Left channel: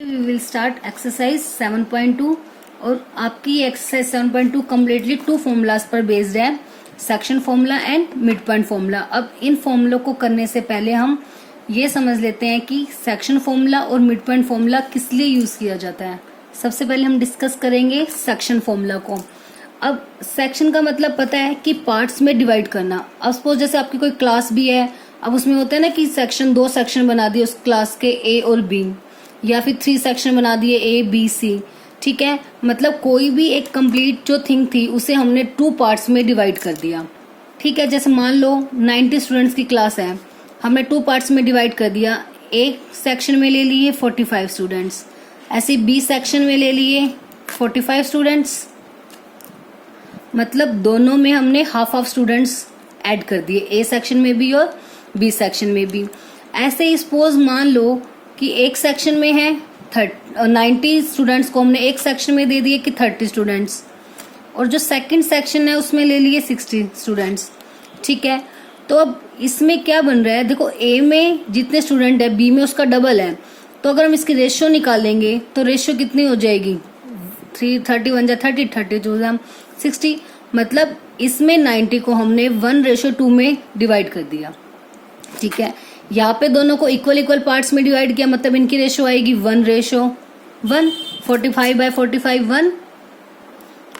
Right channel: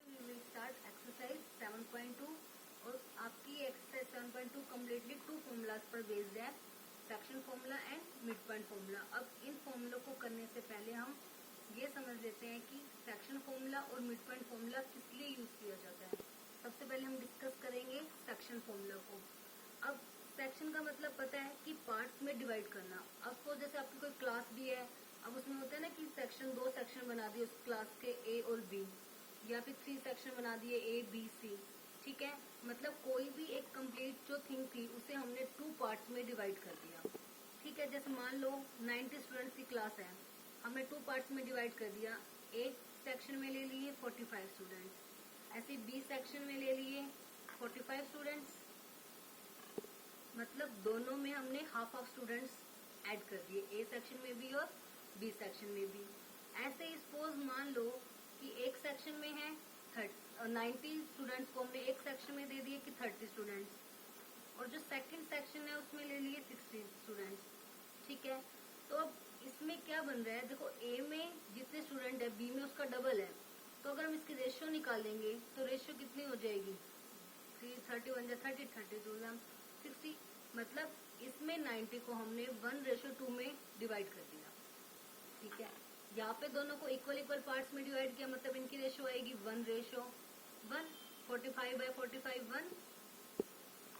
We will start exercise 7.2 और आपकी ये एक्सरसाइज 7.2 कम्प्लीटली टू फॉर्मूलाज पर बेस्ड है, section formula and mid point formula. अब इन फॉर्मूलों को करने से पहले हम ये समझ लेते हैं कि सेक्शन फॉर्मूला और मिड पॉइंट फॉर्मूला किस लिए यूज किया जाता है। सबसे पहले हम डिस्कस करेंगे सेक्शन फॉर्मूला को। अब सेक्शन का मतलब पता है कि पार्ट्स में डिवाइड करना। अब सपोज जैसे आपकी कोई क्लास भी है, अब उसमें होता है ना कि सेक्शन, दो सेक्शन बना दिए उस क्लास के, ए और बी, या फिर 3 सेक्शन बना दिए, ए बी सी। ठीक है, मतलब कोई भी एक कंप्लीट जो थिंग थी उसे हमने 2 पार्ट्स में डिवाइड कर दिया। ठीक है, जैसे मान लो 90 स्टूडेंट्स की क्लास है, हमने 2 पार्ट्स में डिवाइड कर दिया। ए सेक्शन में ले लिए 45 स्टूडेंट्स, ऐसे बी सेक्शन में ले लिए 45 स्टूडेंट्स, मतलब दोनों में हमने हाफ हाफ स्टूडेंट्स ऐड कर दिए, ए सेक्शन में भी और बी सेक्शन में भी। ऐसे ही सपोज मान लो कि एक सेक्शन में है 90 स्टूडेंट्स को हमने एक सेक्शन में दे दिए कि 30 स्टूडेंट्स, और जो सेकंड सेक्शन है उसमें ले लिए 60 स्टूडेंट्स। ठीक है, तो अब इसमें क्या बन रहा है, देखो ए में जितने स्टूडेंट है बी में उसका डबल है, तो अगर हम इसकी रेशियो निकालेंगे तो रेशियो कितनी हो जाएगी, 30 जा 30, 32 जा 60, मतलब इसमें 90 को हमने 1:2 में डिवाइड कर दिया। ठीक है, यहाँ पे दोनों को इक्वल इक्वल पार्ट्स में डिवाइड किया, मतलब इनकी रेशियो आएगी 1:1। 45/45 1।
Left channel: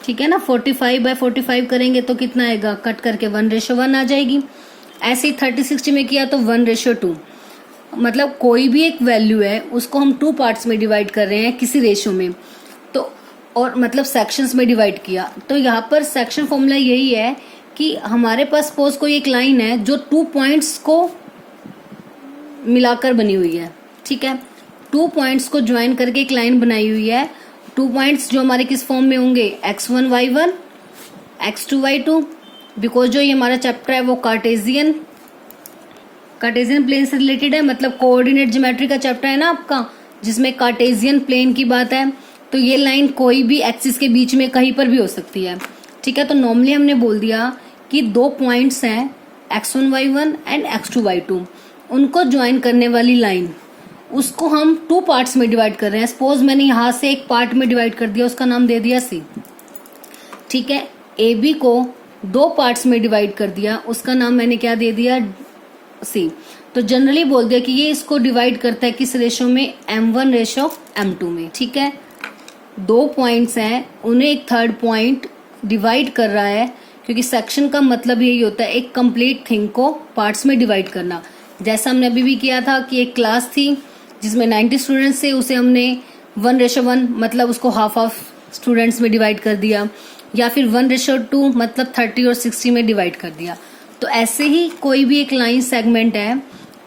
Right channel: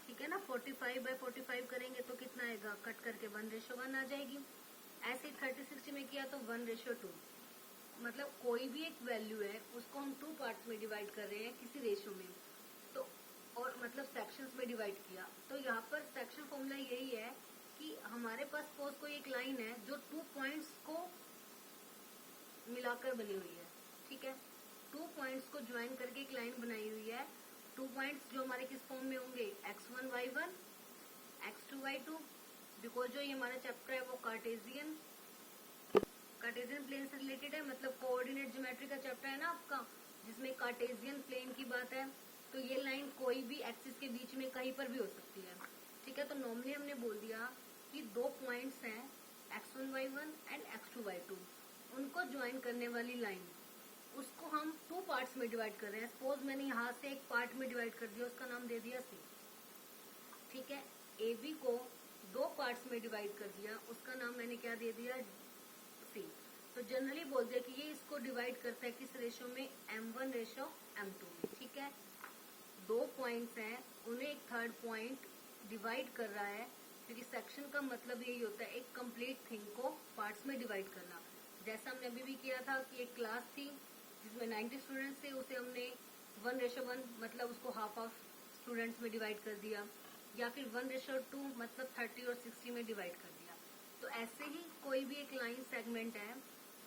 ठीक है ना, 45/45 करेंगे तो कितना आएगा, कट करके 1:1 आ जाएगी। ऐसे ही 30-60 में किया तो 1:2। मतलब कोई भी एक वैल्यू है उसको हम 2 पार्ट्स में डिवाइड कर रहे हैं किसी रेशियो में, तो और मतलब सेक्शंस में डिवाइड किया। तो यहाँ पर सेक्शन फॉर्मूला यही है कि हमारे पास सपोज कोई एक लाइन है जो 2 पॉइंट्स को मिलाकर बनी हुई है। ठीक है, 2 पॉइंट्स को ज्वाइन करके एक लाइन बनाई हुई है। 2 पॉइंट्स जो हमारे किस फॉर्म में होंगे, x1 y1 x2 y2, because जो ये हमारा चैप्टर है वो कार्टेजियन प्लेन से रिलेटेड है, मतलब कोऑर्डिनेट ज्योमेट्री का चैप्टर है ना आपका, जिसमें कार्टेजियन प्लेन की बात है। तो ये लाइन कोई भी एक्सिस के बीच में कहीं पर भी हो सकती है। ठीक है, तो नॉर्मली हमने बोल दिया कि 2 पॉइंट्स हैं x1 y1 and x2 y2, उनको ज्वाइन करने वाली लाइन, उसको हम 2 पार्ट्स में डिवाइड कर रहे हैं। सपोज मैंने यहाँ से एक पार्ट में डिवाइड कर दिया, उसका नाम दे दिया सी। ठीक है, ए बी को 2 पार्ट्स में डिवाइड कर दिया, उसका नाम मैंने क्या दे दिया, सी। तो जनरली बोल दिया कि ये इसको डिवाइड करता है किस रेशो में, m1:m2 में। ठीक है, 2 पॉइंट्स हैं, उन्हें एक थर्ड पॉइंट डिवाइड कर रहा है, क्योंकि सेक्शन का मतलब यही होता है एक कंप्लीट थिंग को पार्ट्स में डिवाइड करना। जैसा हमने अभी भी किया था कि एक क्लास थी जिसमें 90 स्टूडेंट्स थे, उसे हमने 1:1 मतलब उसको हाफ हाफ स्टूडेंट्स में डिवाइड कर दिया, या फिर 1:2 मतलब 30 और 60 में डिवाइड कर दिया। तो ऐसे ही कोई भी एक लाइन सेगमेंट है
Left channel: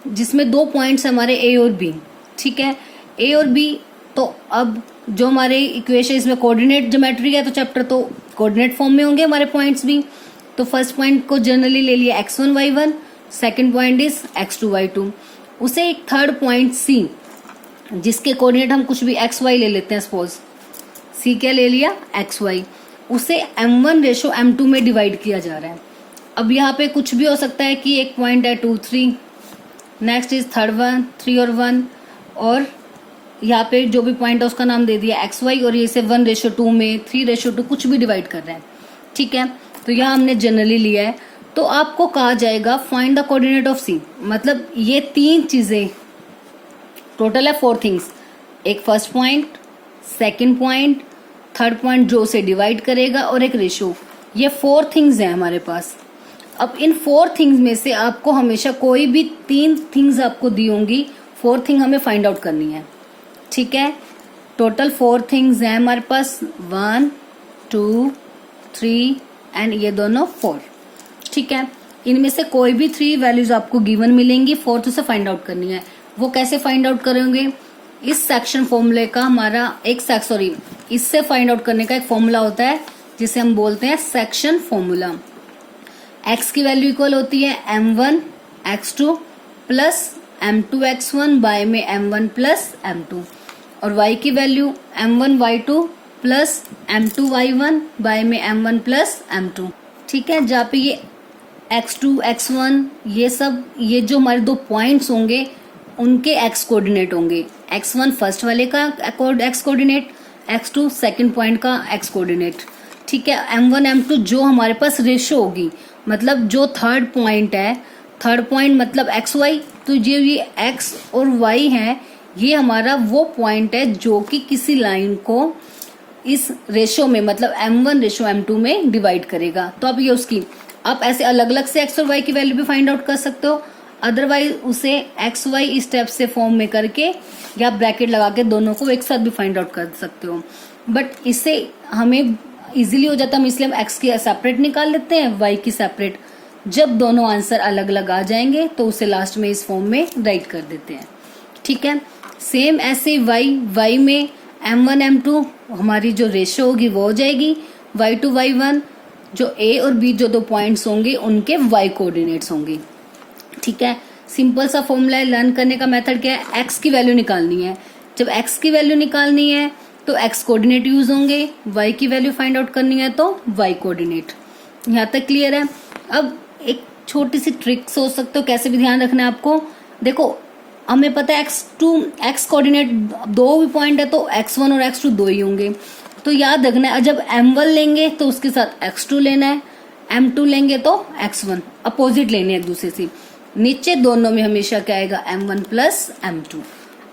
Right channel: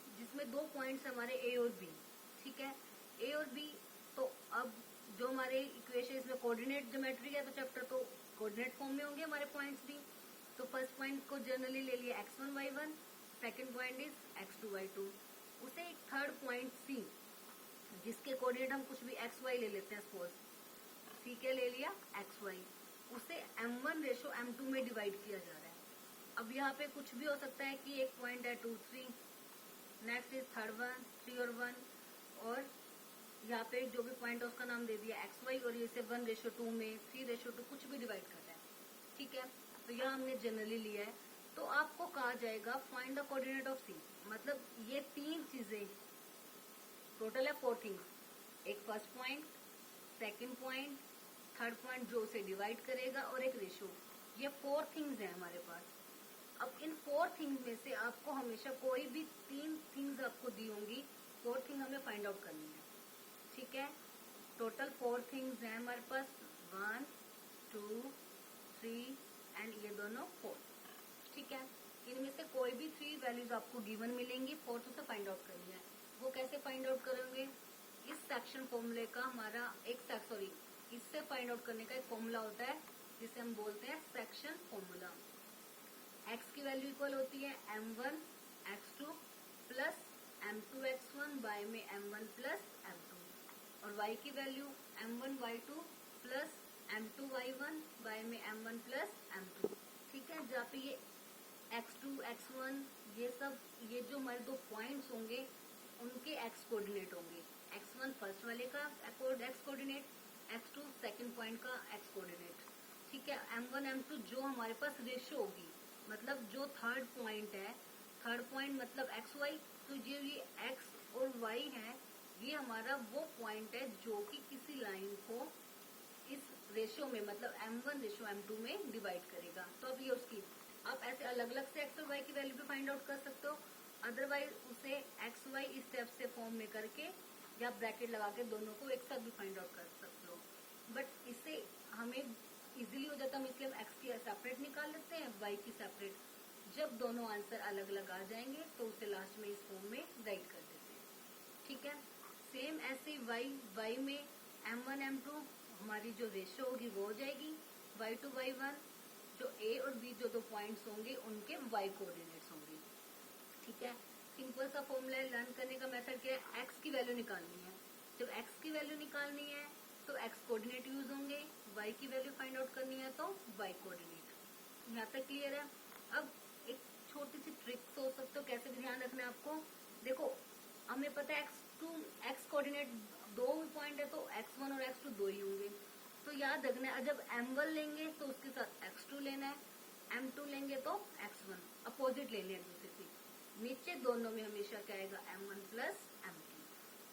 जिसमें 2 पॉइंट्स हमारे ए और बी। ठीक है, ए और बी, तो अब जो हमारे इक्वेशन, इसमें कोऑर्डिनेट ज्योमेट्री है तो चैप्टर तो कोऑर्डिनेट फॉर्म में होंगे हमारे पॉइंट्स भी। तो फर्स्ट पॉइंट को जनरली ले लिया x1 y1, second point is x2 y2, उसे एक थर्ड पॉइंट सी, जिसके कोऑर्डिनेट हम कुछ भी x y ले लेते हैं, सपोज सी क्या ले लिया, x y, उसे m1:m2 में डिवाइड किया जा रहा है। अब यहाँ पे कुछ भी हो सकता है कि एक पॉइंट है 2 3, नेक्स्ट इज थर्ड वन 3 और 1, और यहाँ पे जो भी पॉइंट है उसका नाम दे दिया एक्स वाई, और ये से 1:2 में 3:2 कुछ भी डिवाइड कर रहे हैं। ठीक है, तो यहाँ हमने जनरली लिया है। तो आपको कहा जाएगा find the coordinate of C, मतलब ये 3 चीजें टोटल है 4 थिंग्स, एक first point, second point, third point जो उसे डिवाइड करेगा, और एक रेशियो। ये 4 थिंग्स हैं हमारे पास। अब इन 4 थिंग्स में से आपको हमेशा कोई भी 3 थिंग्स आपको दी होंगी, 4 थिंग हमें फाइंड आउट करनी है। ठीक है, टोटल 4 थिंग्स हैं हमारे पास, 1 2 3 एंड ये दोनों 4। ठीक है, इनमें से कोई भी 3 वैल्यूज आपको गिवन मिलेंगी, 4th से फाइंड आउट करनी है। वो कैसे फाइंड आउट करेंगे, इस सेक्शन फॉर्मूले का हमारा इससे फाइंड आउट करने का एक फॉर्मूला होता है जिसे हम बोलते हैं सेक्शन फॉर्मूला। x की वैल्यू इक्वल होती है m1 x2 plus m2 x1 by में m1 प्लस m2, और y की value m1 y2 plus m2 y1 bye में m1 प्लस m2। ठीक है, जहाँ पे ये x2 x1 ये सब, ये जो हमारे 2 पॉइंट्स होंगे उनके x कोऑर्डिनेट होंगे, x1 फर्स्ट वाले का x coordinate, x2 second point का x कोऑर्डिनेट। ठीक है, m1 m2 जो हमारे पास रेशो होगी, मतलब जो थर्ड पॉइंट है, थर्ड पॉइंट मतलब एक्स वाई, तो ये x और y है, ये हमारा वो पॉइंट है जो कि किसी लाइन को इस रेशो में मतलब m1 रेशो m2 में डिवाइड करेगा। तो अब ये उसकी, आप ऐसे अलग अलग से x और y की वैल्यू भी फाइंड आउट कर सकते हो, अदरवाइज उसे एक्स वाई स्टेप से फॉर्म में करके या ब्रैकेट लगा के दोनों को एक साथ भी फाइंड आउट कर सकते हो। बट इससे हमें इजीली हो जाता है, हम इसलिए हम एक्स की सेपरेट निकाल लेते हैं, वाई की सेपरेट। जब दोनों आंसर अलग अलग आ जाएंगे तो उसे लास्ट में इस फॉर्म में राइट कर देते हैं। ठीक है, सेम ऐसे वाई में m1 m2 हमारी जो रेशो होगी वो हो जाएगी y2 y1, जो a और b जो दो पॉइंट्स होंगे उनके y कोऑर्डिनेट्स होंगे। ठीक है, सिंपल सा फॉर्मूला है। लर्न करने का मेथड क्या है, x की वैल्यू निकालनी है। जब x की वैल्यू निकालनी है तो x कोऑर्डिनेट यूज होंगे, y की वैल्यू फाइंड आउट करनी है तो y कोऑर्डिनेट। यहाँ तक क्लियर है। अब एक छोटी सी ट्रिक सोच सकते हो, कैसे भी ध्यान रखना है आपको। देखो हमें पता है x कोऑर्डिनेट दो भी पॉइंट है तो x1 और x2 दो ही होंगे, तो याद रखना है जब m1 लेंगे तो उसके साथ x2 लेना है, m2 लेंगे तो x1, अपोजिट लेने हैं एक दूसरे से। नीचे दोनों में हमेशा क्या आएगा, m1 प्लस m2।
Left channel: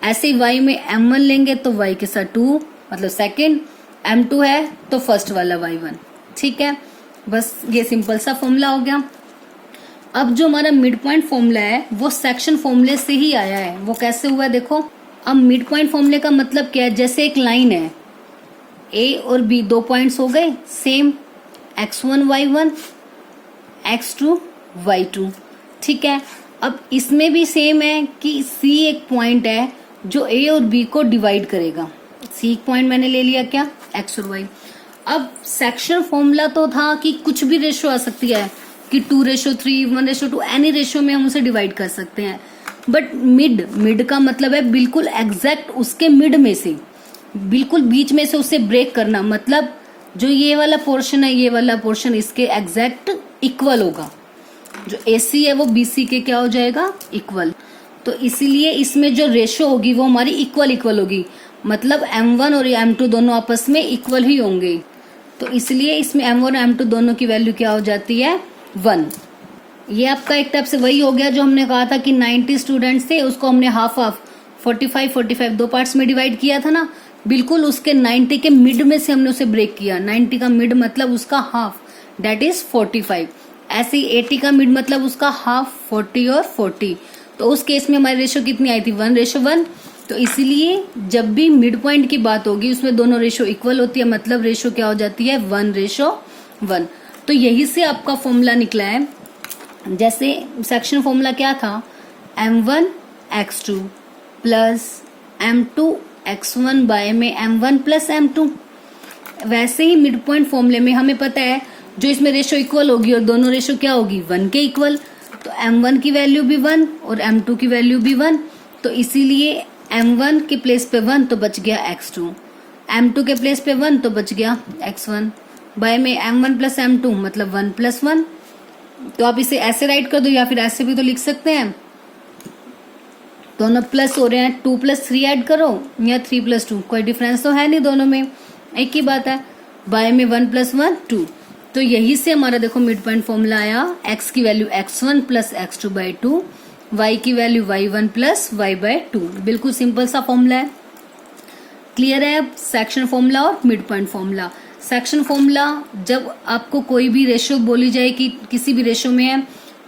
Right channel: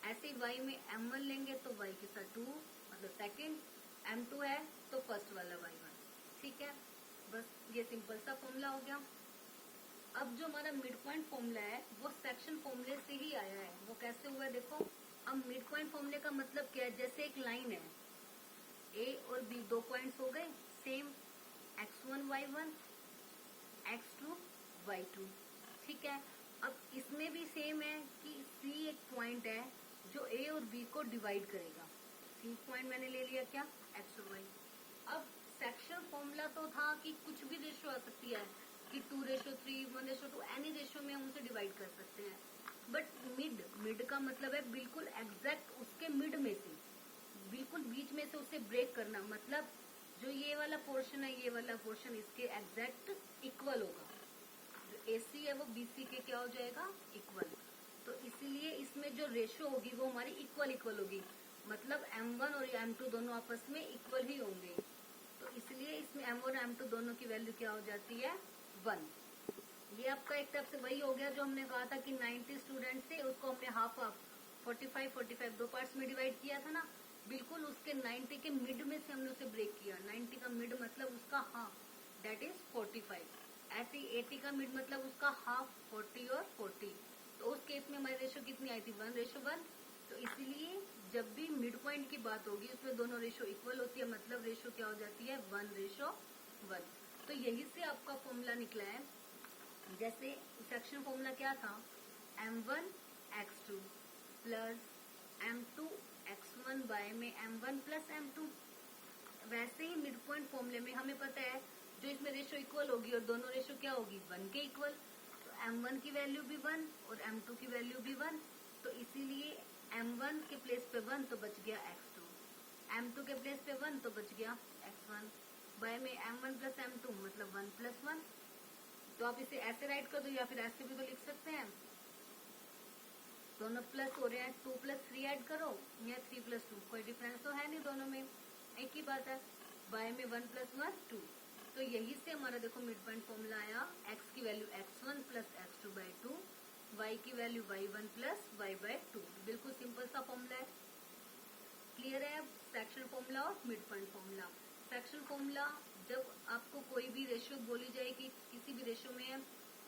ऐसे ही y में m1 लेंगे तो y के साथ 2 मतलब सेकेंड, m2 है तो फर्स्ट वाला y1। ठीक है, बस ये सिंपल सा फॉर्मूला हो गया। अब जो हमारा मिड पॉइंट फॉर्मूला है वो सेक्शन फॉर्मूले से ही आया है। वो कैसे हुआ है देखो। अब मिड पॉइंट फॉर्मूले का मतलब क्या है, जैसे एक लाइन है, ए और बी दो पॉइंट्स हो गए same, x1 y1 x2 y2। ठीक है, अब इसमें भी सेम है कि सी एक पॉइंट है जो ए और बी को डिवाइड करेगा। सी एक पॉइंट मैंने ले लिया क्या, x और y। अब सेक्शन फॉर्मूला तो था कि कुछ भी रेशो आ सकती है कि 2:3, 1:2, एनी रेशो में हम उसे डिवाइड कर सकते हैं। बट मिड का मतलब है बिल्कुल एग्जैक्ट उसके मिड में से, बिल्कुल बीच में से उसे ब्रेक करना, मतलब जो ये वाला पोर्शन है, ये वाला पोर्शन इसके एग्जैक्ट इक्वल होगा। जो AC है वो BC के क्या हो जाएगा, इक्वल। तो इसीलिए इसमें जो रेशो होगी वो हमारी इक्वल होगी, मतलब M1 और M2 दोनों आपस में इक्वल ही होंगे। तो इसलिए इसमें M1 और M2 दोनों की वैल्यू क्या हो जाती है, 1। ये आपका एक टाइप से वही हो गया जो हमने कहा था कि 90 स्टूडेंट्स थे, उसको हमने हाफ 45 दो पार्ट्स में डिवाइड किया था ना, बिल्कुल उसके 90 के मिड में से हमने उसे ब्रेक किया। 90 का मिड मतलब उसका हाफ, दैट इज 45। ऐसे ही 80 का मिड मतलब उसका हाफ, 40 और 40। तो उस केस में हमारी रेशो कितनी आई थी, 1:1। तो इसीलिए जब भी मिड पॉइंट की बात होगी उसमें दोनों रेशो इक्वल होती है, मतलब रेशो क्या हो जाती है, 1:1। तो यही से आपका फॉर्मूला निकला है। जैसे सेक्शन फॉर्मूला क्या था, m1 x2 plus m2 x1 by में m1 प्लस m2। वैसे ही मिड पॉइंट फॉर्मूले में हमें पता है जो इसमें रेशो इक्वल होगी और दोनों रेशो क्या होगी, 1 के इक्वल। तो m1 की वैल्यू भी 1 और m2 की वैल्यू भी 1। तो इसीलिए m1 के प्लेस पे 1 तो बच गया x2, m2 के प्लेस पे 1 तो बच गया x1, बाय में m1 प्लस m2 मतलब 1 + 1। तो आप इसे ऐसे राइट कर दो या फिर ऐसे भी तो लिख सकते हैं, दोनों प्लस हो रहे हैं, 2 + 3 ऐड करो या 3 + 2, कोई डिफरेंस तो है नहीं, दोनों में एक ही बात है। बाय में 1 + 1 2। तो यही से हमारा देखो मिड पॉइंट फॉर्मूला आया, x की वैल्यू x1 + x2/2, y की वैल्यू y1 + y/2। बिल्कुल सिंपल सा फॉर्मूला है। क्लियर है सेक्शन फॉर्मूला और mid point formula. Section formula जब आपको कोई भी रेशो बोली जाए कि किसी भी रेशो में है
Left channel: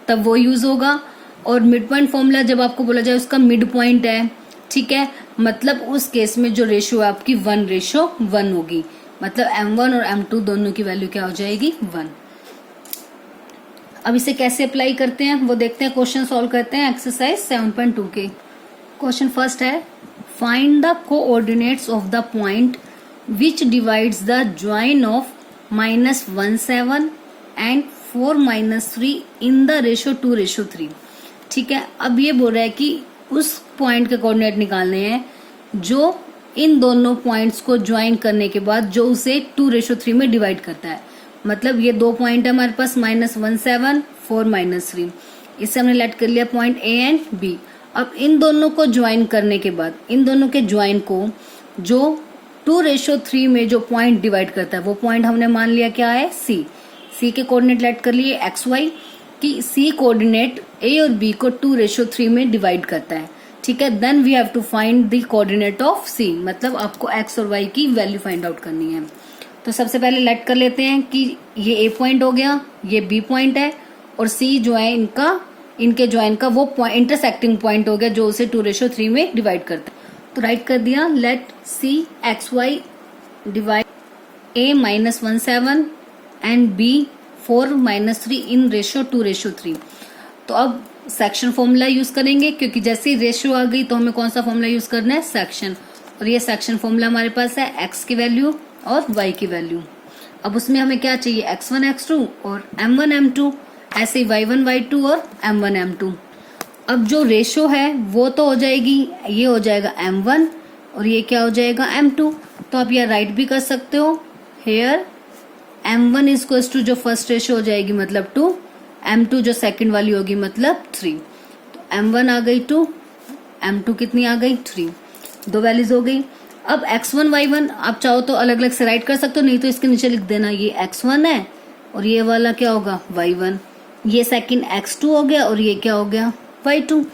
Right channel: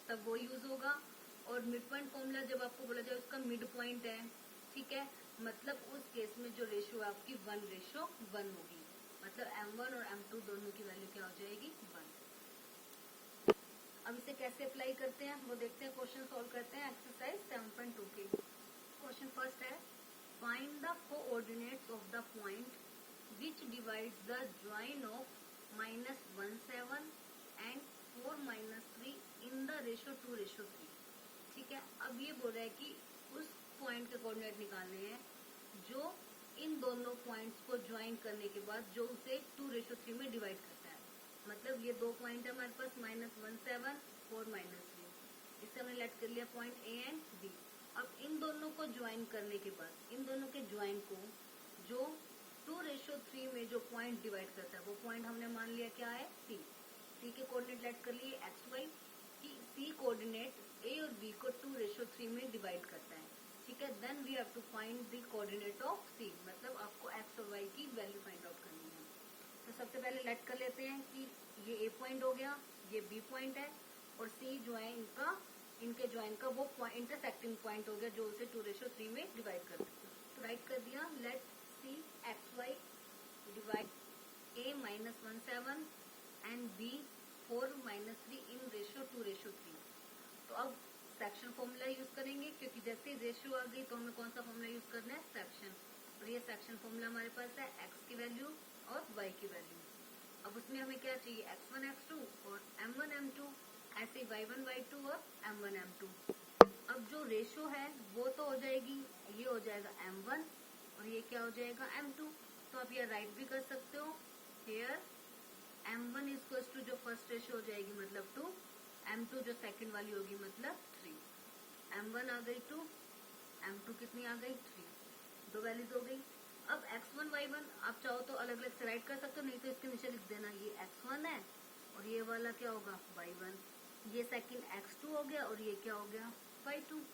तब वो यूज होगा, और मिड पॉइंट फॉर्मूला जब आपको बोला जाए उसका मिड पॉइंट है, ठीक है, मतलब उस केस में जो रेशो है आपकी 1:1 होगी, मतलब m1 और m2 दोनों की वैल्यू क्या हो जाएगी, 1। अब इसे कैसे अप्लाई करते हैं वो देखते हैं, क्वेश्चन सॉल्व करते हैं एक्सरसाइज 7.2 के। क्वेश्चन फर्स्ट है, find the coordinates of the point which divides the join of -17 and 4-3 in the ratio 2:3। ठीक है, अब ये बोल रहा है कि उस पॉइंट के कोऑर्डिनेट निकालने हैं जो इन दोनों पॉइंट्स को ज्वाइन करने के बाद जो उसे 2:3 में डिवाइड करता है। मतलब ये दो पॉइंट है हमारे पास, -17 4-3। इससे हमने लेट कर लिया पॉइंट A एंड B। अब इन दोनों को ज्वाइन करने के बाद इन दोनों के ज्वाइन को जो 2:3 में जो पॉइंट डिवाइड करता है वो पॉइंट हमने मान लिया क्या है, सी। सी के कोऑर्डिनेट लेट कर लिए एक्स वाई, कि सी कोऑर्डिनेट ए और बी को 2:3 में डिवाइड करता है। ठीक है, then we have to find the coordinate of C, मतलब आपको एक्स और वाई की वैल्यू फाइंड आउट करनी है। तो सबसे पहले लेट कर लेते हैं कि ये ए पॉइंट हो गया, ये बी पॉइंट है, और सी जो है इनके ज्वाइन का वो इंटरसेक्टिंग पॉइंट हो गया जो उसे 2:3 में डिवाइड करता है। तो राइट कर दिया, let C x y divide a -17 and b 4 - 3 in ratio 2:3। तो अब सेक्शन फॉर्मूला यूज करेंगे, क्योंकि जैसे ही रेशियो आ गई तो हमें कौन सा फॉर्मूला यूज करना है, सेक्शन। और ये सेक्शन फॉर्मूला हमारे पास है x की वैल्यू और y की वैल्यू। अब उसमें हमें क्या चाहिए, x1 x2 और m1 m2, ऐसे ही y1 y2 और m1 m2। अब जो रेशियो है वो तो हो जाएगी, ये हो जाएगा m1 और ये क्या हो जाएगा m2। तो आप यह राइट भी कर सकते हो, हेयर m1 इज टू जो फर्स्ट रेशियो हो जाएगी मतलब 2, m2 जो सेकंड वाली होगी मतलब 3। तो m1 आ गई 2, m2 कितनी आ गई 3, दो वैल्यूज हो गई। अब x1 y1 आप चाहो तो अलग अलग से राइट कर सकते हो, नहीं तो इसके नीचे लिख देना ये x1 है और ये वाला क्या होगा y1, ये सेकंड x2 हो गया और ये क्या हो गया y2।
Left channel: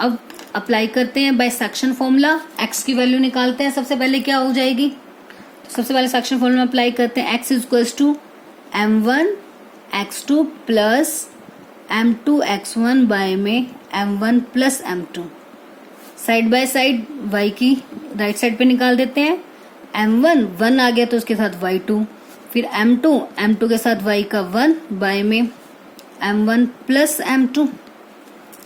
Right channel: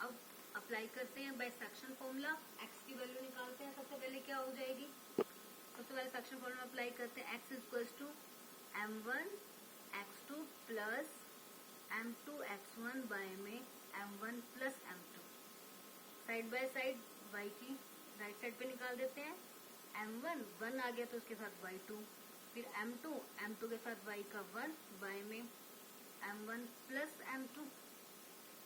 अब अप्लाई करते हैं बाय सेक्शन फॉर्मूला, x की वैल्यू निकालते हैं। सबसे पहले क्या हो जाएगी, सबसे पहले सेक्शन फॉर्मूला अप्लाई करते हैं, x is to m1 x2 plus m2 x1 by में m1 plus m2। Side by side y की राइट साइड पे निकाल देते हैं, m1 1 आ गया तो उसके साथ y2, फिर m2 के साथ y का 1 बाय में m1 प्लस m2।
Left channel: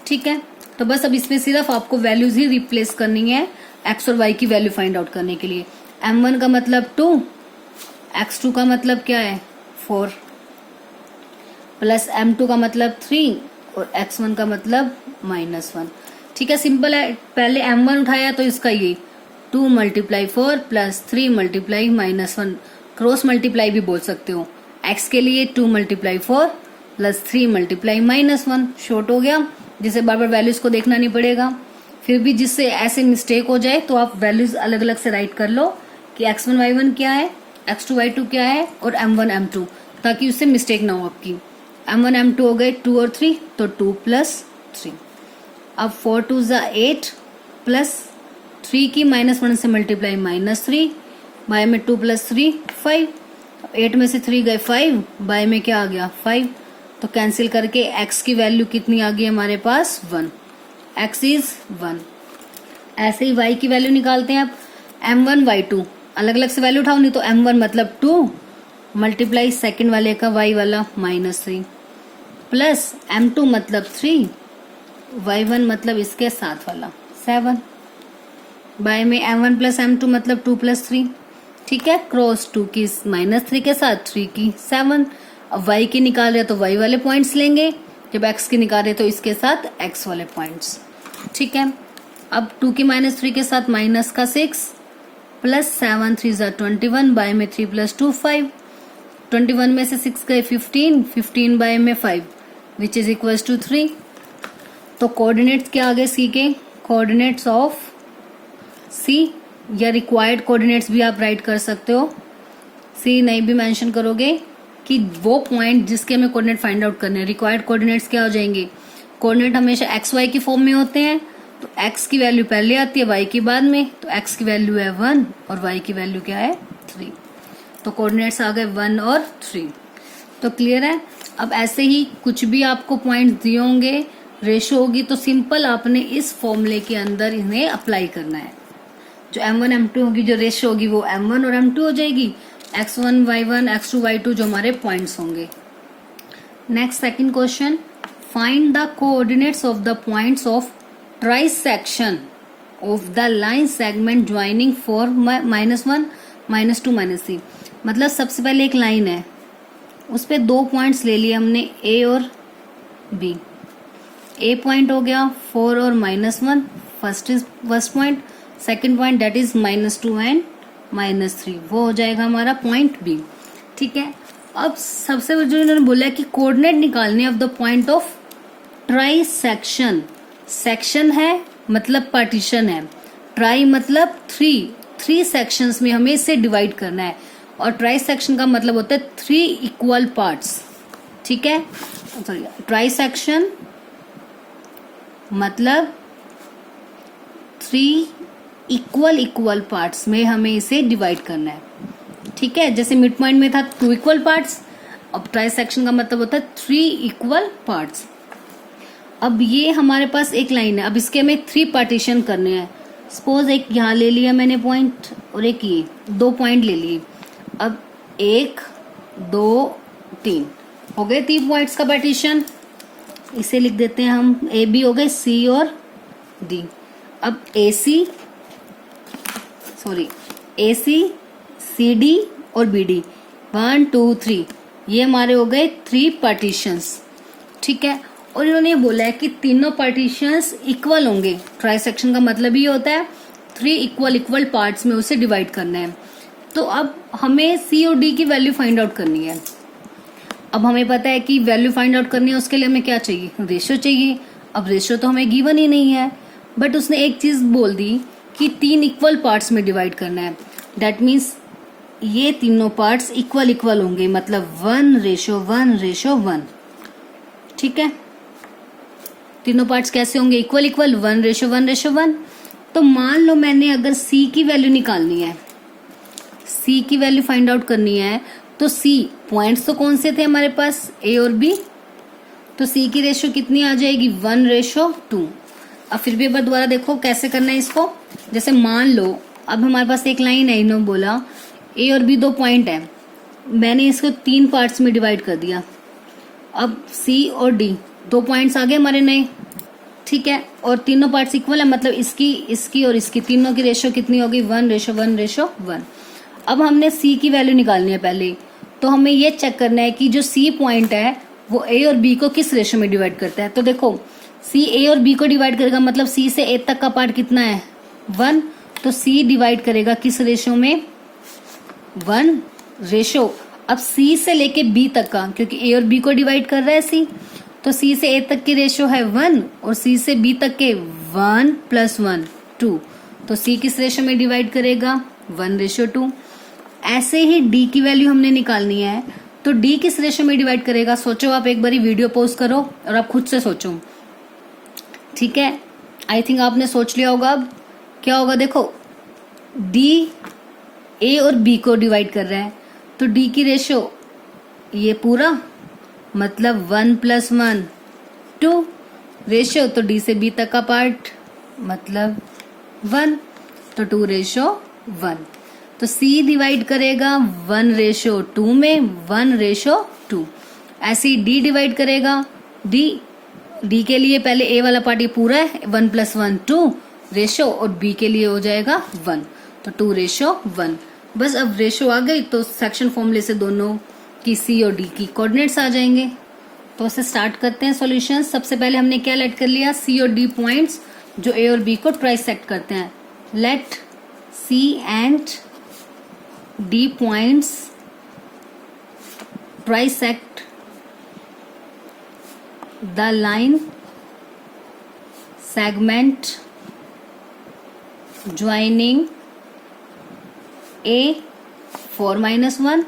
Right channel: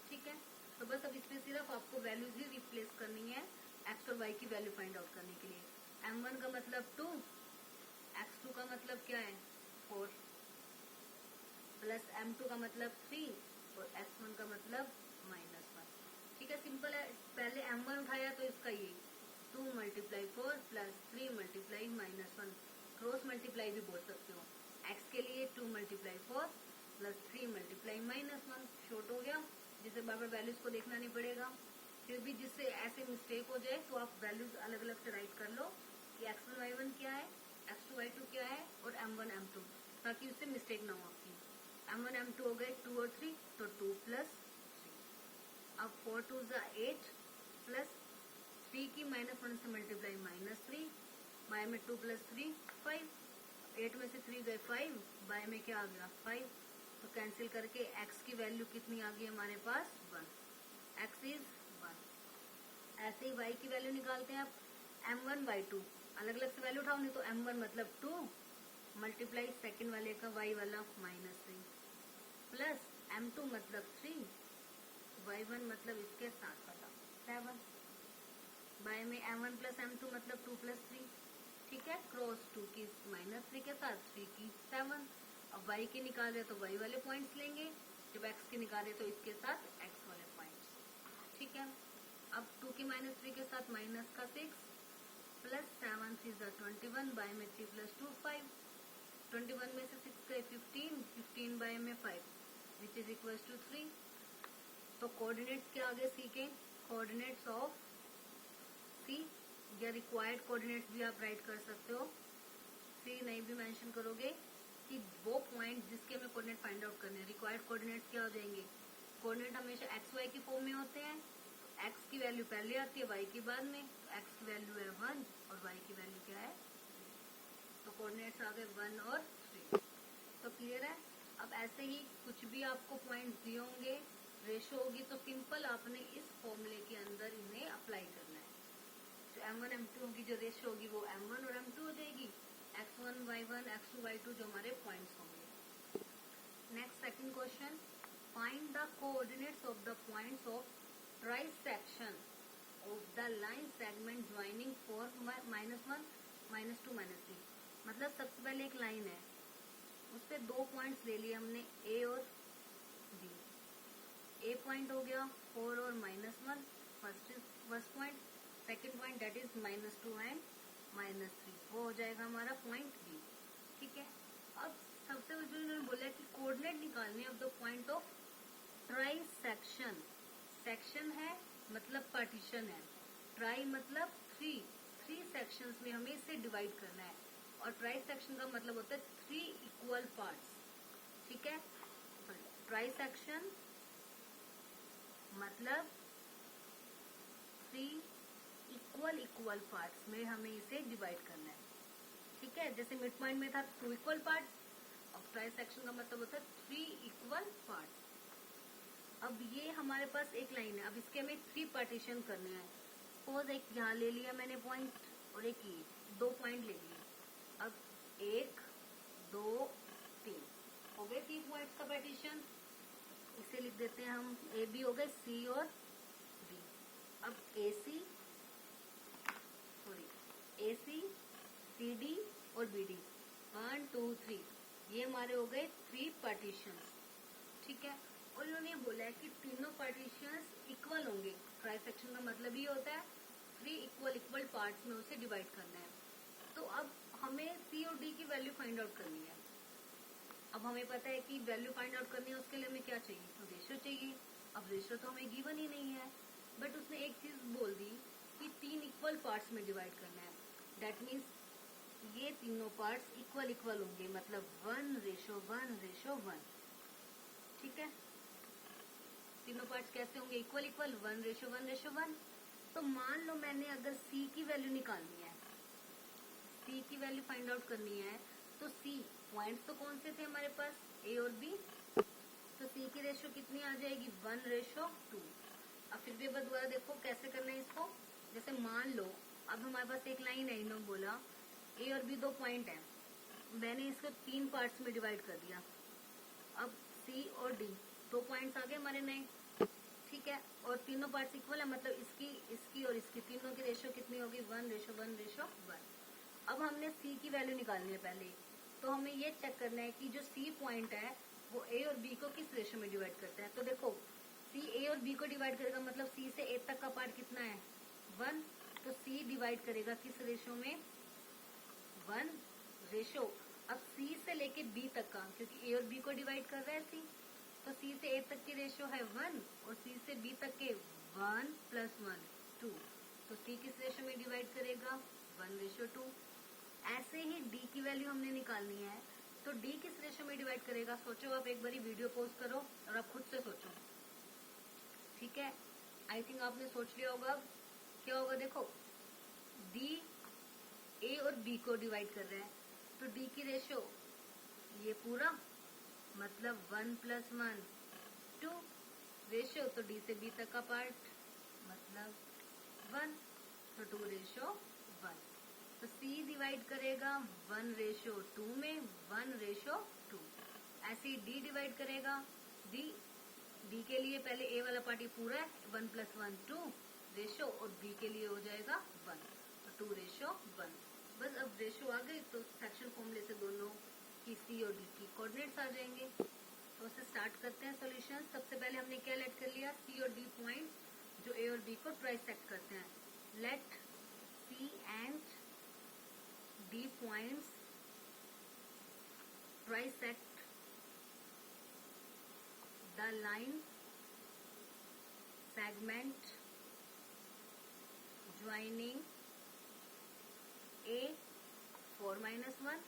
ठीक है, तो बस अब इसमें सिर्फ आपको वैल्यूज ही रिप्लेस करनी है x और y की वैल्यू फाइंड आउट करने के लिए। m1 का मतलब 2, x2 का मतलब क्या है 4, प्लस m2 का मतलब 3 और x1 का मतलब -1। ठीक है, सिंपल है। पहले m1 उठाया तो इसका ये 2 × 4 प्लस 3 × -1, क्रॉस मल्टीप्लाई भी बोल सकते हो। x के लिए 2 × 4 प्लस 3 × -1 शॉर्ट हो गया, जिसे बार बार वैल्यूज को देखना नहीं पड़ेगा। फिर भी जिससे ऐसे मिस्टेक हो जाए तो आप वैल्यूज अलग अलग से राइट कर लो कि x1 y1 क्या है, x2 y2 क्या है और m1 m2, ताकि उससे मिस्टेक ना हो आपकी। m1 m2 हो गए 2 और 3 तो 2 + 3। अब 4 2 = 8 प्लस 3 की -1 से मल्टीप्लाई -3 बाय में 2 + 3 5। 8 में से 3 गए 5, बाय में क्या आ गया 5। तो कैंसिल करके x की वैल्यू कितनी आ गई हमारे पास 1, x इज 1। ऐसे ही y की वैल्यू निकालते हैं। अब m1 y2 अलग अलग से वैल्यू उठाओ, नहीं तो m1 मतलब 2 मल्टीप्लाई सेकेंड वाले का y वाला -3 प्लस m2 मतलब 3, y1 मतलब इसके साथ वाला 7 बाय में m1 प्लस m2 मतलब 2 + 3। ठीक है, क्रॉस 2 की -3 के साथ 3 की 7। अब y की निकाल रहे तो y वाले पॉइंट्स लेंगे, जब x की निकाल रहे तो इसके साथ x वाले पॉइंट्स। ठीक है, अब 2 की -3 के साथ माइनस का 6 प्लस 7 3 = 21 बाय में 3 + 2 5। 21 में से 6 गए 15, 15 बाय में 5 विच इज इक्वल टू 3। तो कोऑर्डिनेट्स क्या आ गए सी के, कोऑर्डिनेट्स ऑफ सी या रिक्वायर्ड कोऑर्डिनेट्स भी आप राइट कर सकते हो। सी नहीं भी मेंशन करोगे कि वो पॉइंट जिसके हमें कोऑर्डिनेट फाइंड आउट करने हैं। रिक्वायर्ड कोऑर्डिनेट्स क्या हो जाएंगे, कोऑर्डिनेट हमेशा एक्स वाई की फॉर्म में होते हैं, तो एक्स की वैल्यू पहले आती है वाई की बाद में। तो एक्स की वैल्यू है 1 और वाई की वैल्यू क्या है 3। तो कोऑर्डिनेट्स आ गए 1 और 3। तो क्लियर है। अब ऐसे ही कुछ भी आपको पॉइंट दिए होंगे, रेशो होगी, तो सिंपल आपने इस फॉर्मूले के अंदर इन्हें अप्लाई करना है। जो m1 m2 होगी, जो रेशो होगी वो m1 और m2 हो जाएगी, x1 y1 x2 y2 जो हमारे पॉइंट्स होंगे। Next second question, find the coordinates of the points of trisection of the line segment joining for -1 -2 -3। मतलब सबसे पहले एक लाइन है, उस पे 2 पॉइंट्स ले लिए हमने a और b। a पॉइंट हो गया 4 और -1, first point. Second point that is -2 and -3, वो हो जाएगा हमारा पॉइंट बी। ठीक है, अब सबसे जो इन्होंने बोला है कि कोऑर्डिनेट निकालने of the point of trisection section है मतलब पार्टीशन है, ट्राई मतलब थ्री सेक्शंस में हमें इसे डिवाइड करना है, और ट्राई सेक्शन का मतलब होता है 3 इक्वल पार्ट्स। ठीक है, सॉरी, ट्राई सेक्शन मतलब 3 इक्वल पार्ट्स में हमें इसे डिवाइड करना है। ठीक है, जैसे मिड पॉइंट में था 2 इक्वल पार्ट्स, अब ट्राई सेक्शन का मतलब होता है 3 इक्वल पार्ट्स। अब ये हमारे पास एक लाइन है, अब इसके हमें 3 पार्टीशन करने हैं। सपोज एक यहाँ ले लिया मैंने पॉइंट, और एक ये 2 पॉइंट ले लिए। अब 1 2 3 हो गए 3 पॉइंट्स का पार्टीशन। इसे लिख देते हैं हम, ए बी हो गए, सी और डी। अब ए सी सी डी और बी डी, 1 2 3, ये हमारे हो गए 3 पार्टीशंस। ठीक है, और इन्होंने बोला है कि तीनों पार्टीशंस इक्वल होंगे। ट्राई सेक्शन का मतलब ये होता है 3 इक्वल पार्ट्स में उसे डिवाइड करना है। तो अब हमें सी और डी की वैल्यू फाइंड आउट करनी है। अब हमें पता है कि वैल्यू फाइंड आउट करनी है, उसके लिए हमें क्या चाहिए, रेशियो चाहिए। अब रेशियो तो हमें गिवन ही नहीं है, बट उसने एक चीज बोल दी कि 3 इक्वल पार्ट्स में डिवाइड करना है। दैट मीन्स ये तीनों पार्ट्स इक्वल होंगे, मतलब 1:1:1। ठीक है, तीनों पार्ट्स कैसे होंगे, इक्वल 1:1:1। तो मान लो मैंने अगर सी की वैल्यू निकालनी है, सी की वैल्यू फाइंड आउट करनी है, तो सी पॉइंट्स तो कौन से थे हमारे पास, ए और बी, तो सी की रेशियो कितनी आ जाएगी, 1:2। अब फिर भी एक बार दोबारा देखो कैसे करना है इसको। जैसे मान लो अब हमारे पास एक लाइन है, इन्होंने बोला ए और बी 2 पॉइंट है, मैंने इसको 3 पार्ट्स में डिवाइड कर दिया। अब सी और डी 2 पॉइंट्स आ गए हमारे नए। ठीक है, और तीनों पार्ट्स इक्वल है, मतलब इसकी और इसकी तीनों की रेशियो कितनी होगी, 1:1:1। अब हमने सी की वैल्यू निकालनी है पहले, तो हमें ये चेक करना है कि जो सी पॉइंट है वो ए और बी को किस रेशियो में डिवाइड करता है। तो देखो सी ए और बी को डिवाइड करेगा, मतलब सी से ए तक का पार्ट कितना है, 1। तो सी डिवाइड करेगा किस रेशियो में, 1 रेशियो। अब सी से लेके बी तक का, क्योंकि ए और बी को डिवाइड कर रहा है सी, तो सी से ए तक की रेशियो है 1, और सी से बी तक के 1 + 1 2। तो सी किस रेशियो में डिवाइड करेगा, 1:2। ऐसे ही डी की वैल्यू हमने निकालनी है, तो डी किस रेशियो में डिवाइड करेगा। सोचो, आप एक बारी वीडियो पॉज करो और आप खुद से सोचो। ठीक है, आई थिंक आपने सोच लिया होगा। अब क्या होगा, देखो डी ए और बी को डिवाइड कर रहा है, तो डी की रेशियो ये पूरा, मतलब 1 + 1 2 रेशियो, तो डी से बी तक का पार्ट मतलब 1, तो 2:1। तो सी डिवाइड करेगा 1:2 में, 1:2। ऐसे ही डी डिवाइड करेगा, डी के लिए पहले ए वाला पार्ट ये पूरा है, 1 + 1 2 रेशियो, और बी के लिए हो जाएगा 1, तो 2:1। बस अब रेशियो आ गई, तो सेक्शन फॉर्मूले से दोनों की सी और डी की कोऑर्डिनेट्स आ जाएंगे। तो इसे स्टार्ट करते हैं सॉल्यूशन। सबसे पहले हमने क्या लेट कर लिया, सी और डी पॉइंट्स जो ए और बी को ट्राइसेक्ट करते हैं। Let see and D points trisect the line segment joining A 4-1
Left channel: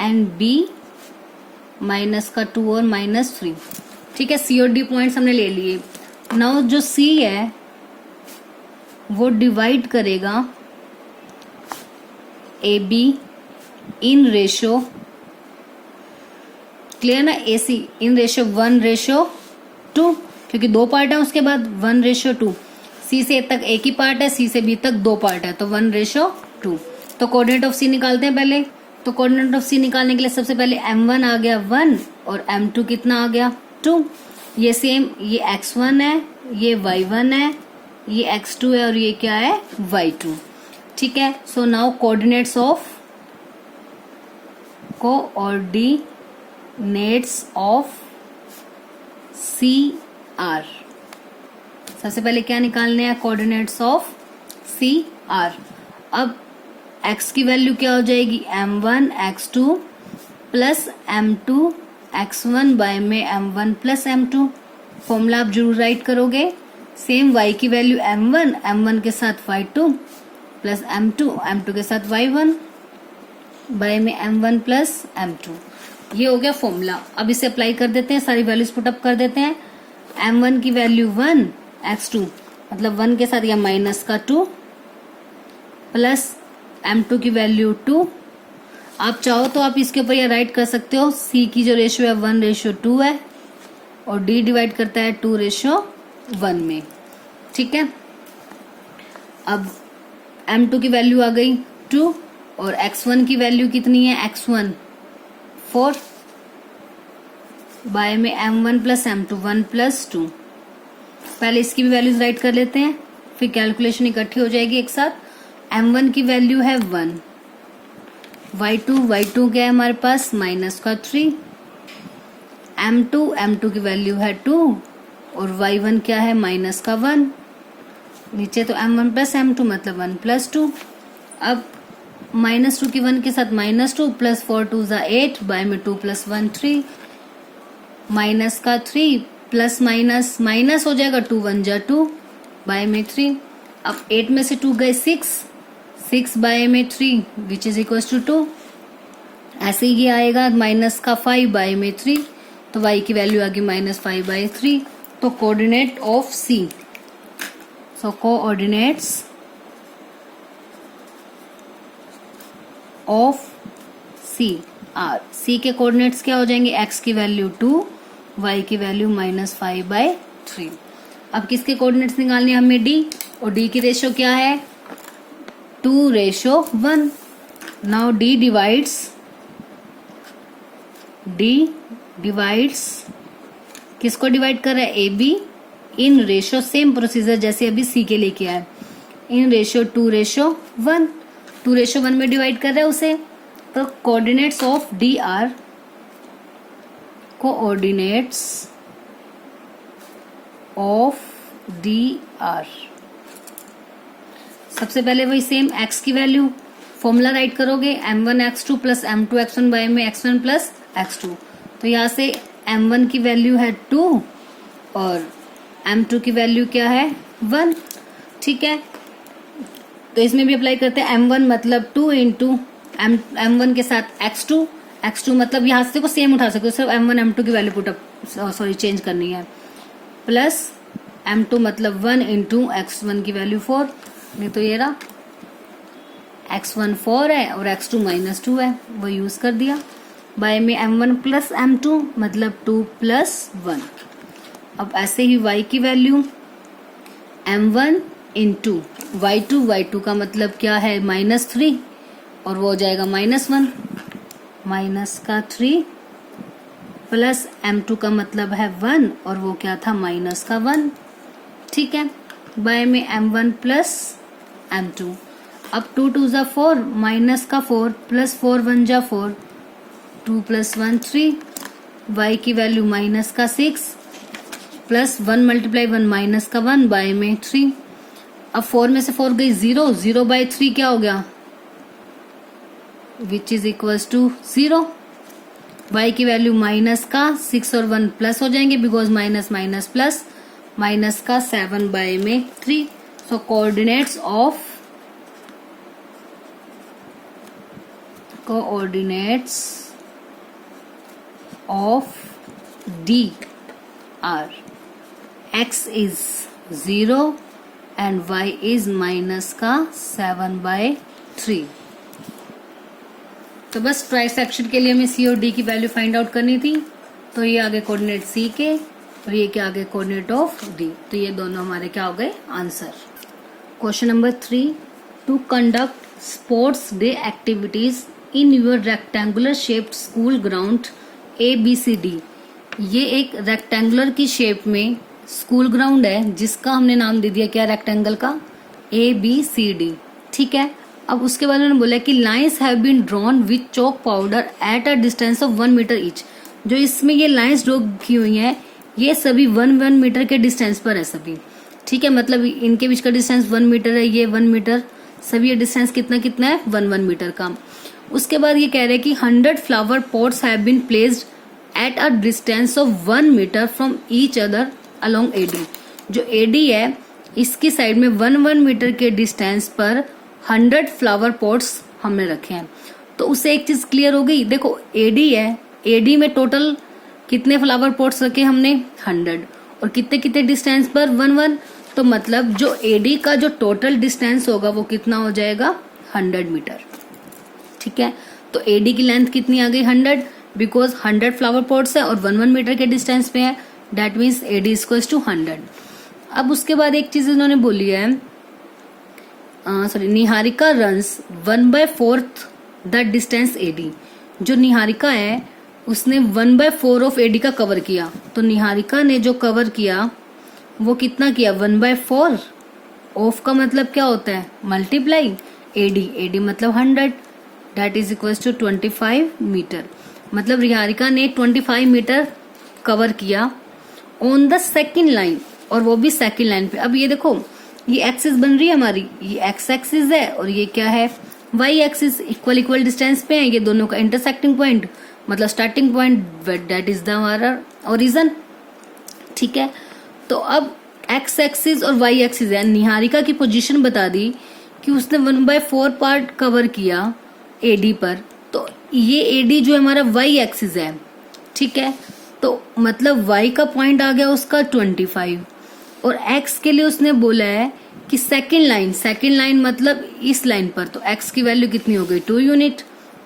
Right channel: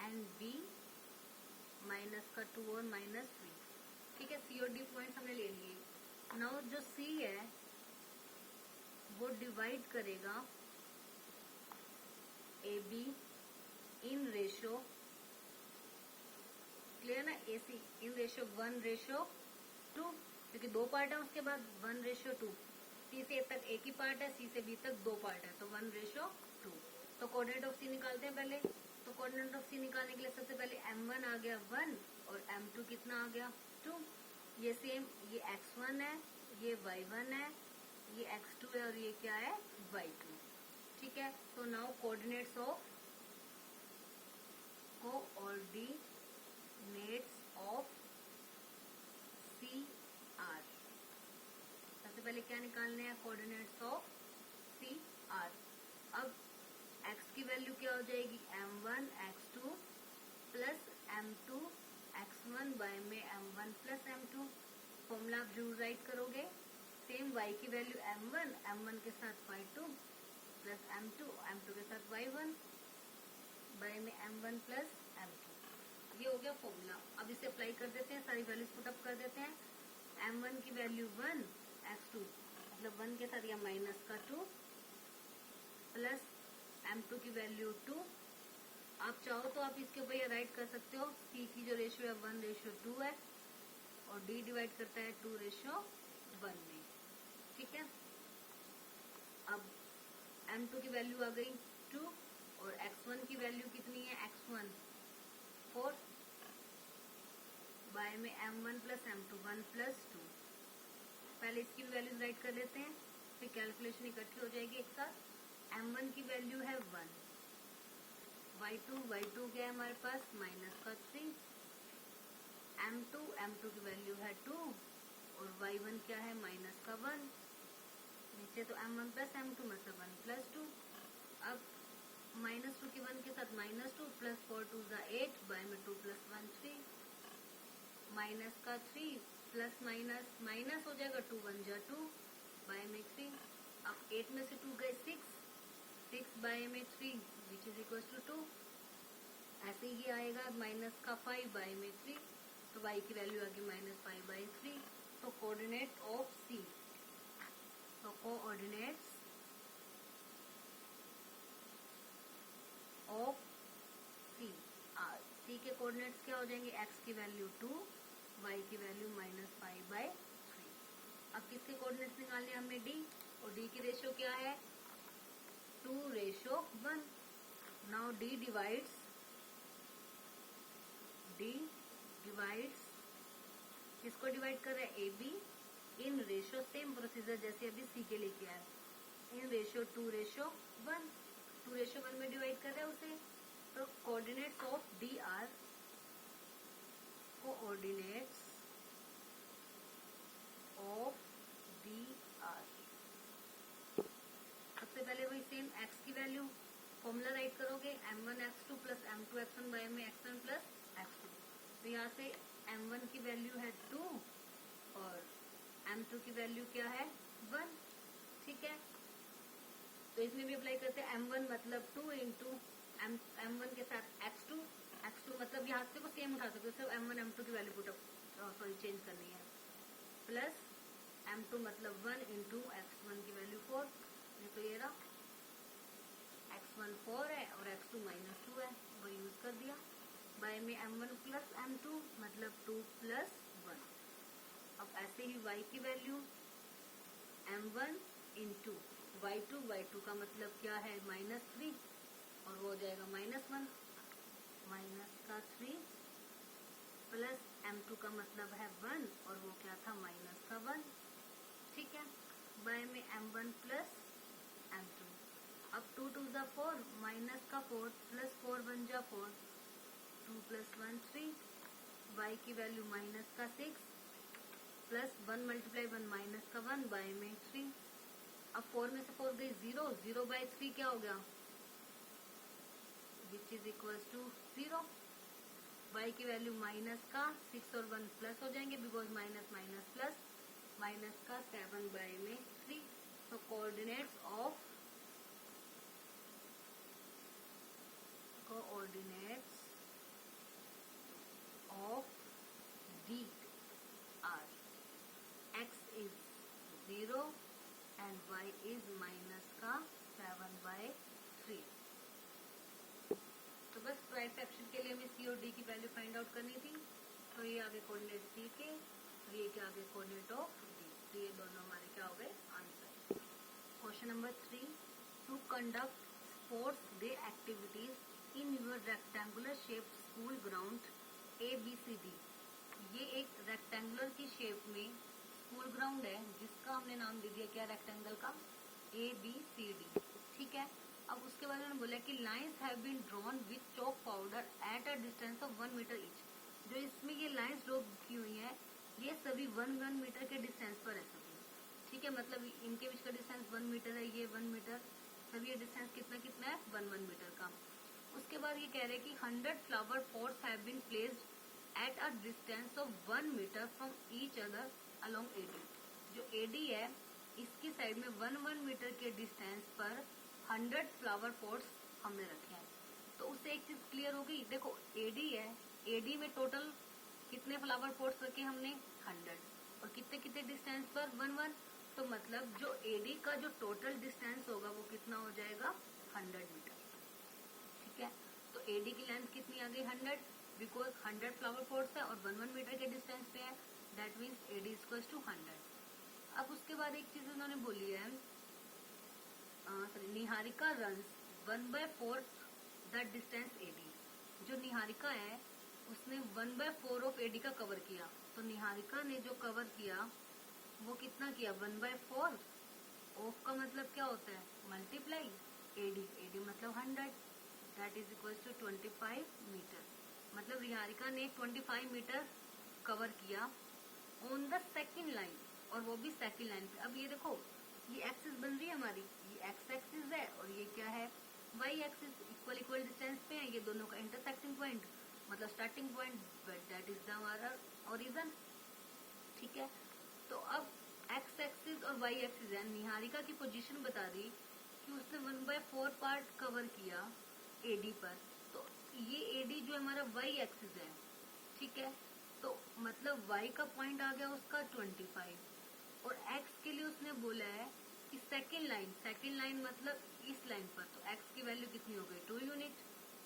and B -2 और -3। ठीक है, सी और डी पॉइंट्स हमने ले लिए। नाउ जो C है वो डिवाइड करेगा AB इन रेशियो, क्लियर ना, AC इन रेशियो 1:2, क्योंकि 2 पार्ट है, उसके बाद 1:2। सी से ए तक एक ही पार्ट है, सी से बी तक 2 पार्ट है, तो 1:2। तो कोऑर्डिनेट ऑफ सी निकालते हैं पहले। तो कोऑर्डिनेट ऑफ सी निकालने के लिए सबसे पहले m1 आ गया 1 और m2 कितना आ गया 2। ये सेम, ये x1 है, ये y1 है, ये x2 है, और ये क्या है y2। ठीक है, so now coordinates of C are. सबसे पहले क्या निकालने हैं, कोऑर्डिनेट्स ऑफ सी आर। अब x की वैल्यू क्या हो जाएगी, m1 x2 plus m2 x1 by में m1 प्लस m2। फॉर्मूला आप जरूर राइट करोगे। सेम y की वैल्यू m1, m1 के साथ y2 प्लस m2, m2 के साथ y1 बाय में m1 प्लस m2। ये हो गया फॉर्मूला। अब इसे अप्लाई कर देते हैं, सारी वैल्यूज पुटअप कर देते हैं। m1 की वैल्यू 1, x2 मतलब 1 के साथ या माइनस का 2 प्लस m2 की वैल्यू 2। आप चाहो तो आप इसके ऊपर यह राइट कर सकते हो, c की जो रेशियो है 1:2 है और d डिवाइड करता है 2:1 में। ठीक है, अब m2 की वैल्यू आ गई 2 और x1 की वैल्यू कितनी है, x1 4 बाय में m1 प्लस m2 1 प्लस 2। पहले इसकी भी वैल्यूज राइट कर लेते हैं, फिर कैलकुलेशन इकट्ठी हो जाएगी एक साथ। m1 की वैल्यू है 1, y2 क्या है हमारे पास माइनस का 3, m2 की वैल्यू है 2 और y1 क्या है माइनस का 1। नीचे तो m1 प्लस m2 मतलब 1 प्लस 2। अब -2 की 1 के साथ -2 प्लस 4 2 ज़ा 8 बाय में 2 प्लस 1 3 माइनस का 3 प्लस माइनस माइनस हो जाएगा 2 1 जा 2 बाय में 3। अब 8 में से 2 गए 6 बाय में 3 विच इज इक्वल टू 2। ऐसे ही ये आएगा माइनस का 5 बाय में 3, तो y की वैल्यू आ गई -5/3। तो coordinate of C, so coordinates of C are, C के कोऑर्डिनेट्स क्या हो जाएंगे, x की वैल्यू 2, y की वैल्यू -5/3। अब किसके कोऑर्डिनेट्स निकालने हमें d, और d की रेशियो क्या है 2:1। नाउ d डिवाइड्स किसको डिवाइड कर रहा है, A be in ratio, same procedure जैसे अभी C के लिए किया है, इन रेशियो 2:1, 2:1 में डिवाइड कर रहा है उसे। तो coordinates of D R, coordinates of D R, सबसे पहले वही सेम x की वैल्यू फॉर्मूला राइट करोगे, m1 x2 plus m2 x1 by में x1 प्लस x2। तो यहाँ से m1 की वैल्यू है 2 और m2 की वैल्यू क्या है 1। ठीक है, तो इसमें भी अप्लाई करते हैं, m1 मतलब 2 इंटू m1 के साथ x2 मतलब यहाँ से को सेम उठा सकते हो, सिर्फ m1 m2 की वैल्यू पुटअप चेंज करनी है, प्लस m2 मतलब 1 इंटू x1 की वैल्यू 4, नहीं तो ये रहा x1 4 है और x2 -2 है, वो यूज कर दिया। बाय में m1 प्लस m2 मतलब 2 प्लस 1। अब ऐसे ही y की वैल्यू m1 इंटू y2 का मतलब क्या है -3 और वो हो जाएगा -1, माइनस का 3 प्लस m2 का मतलब है 1 और वो क्या था माइनस का 1। ठीक है, बाय में m1 प्लस m2। अब 2 2 ज़ा 4 माइनस का 4 प्लस 4 1 जा 4, 2 प्लस 1 3, y की वैल्यू माइनस का 6 प्लस 1 मल्टीप्लाई 1 माइनस का 1 बाय में 3। अब 4 में से 4 गई 0/3 क्या हो गया, which is equals to 0। y की वैल्यू माइनस का 6 और 1 प्लस हो जाएंगे, because minus minus plus, minus का 7 बाय में 3। So coordinates of D are x is 0 and y is minus का 7/3। तो बस ट्राई सेक्शन के लिए हमें C और D की वैल्यू फाइंड आउट करनी थी। तो ये आगे कोऑर्डिनेट C के और ये क्या आगे कोऑर्डिनेट ऑफ D, तो ये दोनों हमारे क्या हो गए answer. Question number 3, to conduct sports day activities in your rectangular shaped school ground ABCD। ये एक रेक्टेंगुलर की शेप में स्कूल ग्राउंड है जिसका हमने नाम दे दिया क्या, रेक्टेंगल का ABCD। ठीक है, अब उसके बाद उन्होंने बोला कि lines have been drawn with chalk powder at a distance of 1 metre each. जो इसमें ये लाइंस ड्रॉ की हुई हैं ये सभी 1 मीटर के डिस्टेंस पर है सभी। ठीक है, मतलब इनके बीच का डिस्टेंस 1 मीटर है, ये 1 मीटर, सभी ये डिस्टेंस कितना कितना है 1 मीटर का। उसके बाद ये कह रहे हैं कि 100 flower pots have been placed at a distance of 1 metre from each other along AD. जो एडी है इसकी साइड में 1 मीटर के डिस्टेंस पर 100 फ्लावर पॉट्स हमने रखे हैं। तो उससे एक चीज क्लियर हो गई, देखो एडी है, एडी में टोटल कितने फ्लावर पॉट्स रखे हमने 100, और कितने कितने डिस्टेंस पर 1 तो मतलब जो एडी का जो टोटल डिस्टेंस होगा वो कितना हो जाएगा 100 मीटर। ठीक है, तो एडी की लेंथ कितनी आ गई 100, बिकॉज 100 फ्लावर पॉट्स है और 1 मीटर के डिस्टेंस पे है, that means AD equals to 100। अब उसके बाद एक चीज इन्होंने बोली है, Niharika runs 1/4 the distance AD. जो निहारिका है उसने 1/4 ऑफ एडी का कवर किया, तो निहारिका ने जो कवर किया वो कितना किया 1/4 ऑफ का मतलब क्या होता है मल्टीप्लाई एडी, एडी मतलब 100, that is equals to 25 metre. मतलब निहारिका ने 25 मीटर कवर किया ऑन द सेकेंड लाइन, और वो भी सेकेंड लाइन पे। अब ये देखो ये एक्सिस बन रही है हमारी, ये एक्स एक्सिस है और ये क्या है Y axis, equal equal distance पे है, ये दोनों का इंटरसेक्टिंग पॉइंट मतलब starting point, that is the हमारा ओरिजिन। ठीक है, तो अब एक्स एक्सिस और वाई एक्सिस है, निहारिका की पोजीशन बता दी कि उसने 1/4 पार्ट कवर किया एडी पर, तो ये एडी जो हमारा वाई एक्सिस है। ठीक है, तो मतलब वाई का पॉइंट आ गया उसका 25, और एक्स के लिए उसने बोला है कि सेकेंड लाइन मतलब इस लाइन पर, तो एक्स की वैल्यू कितनी हो गई 2 यूनिट,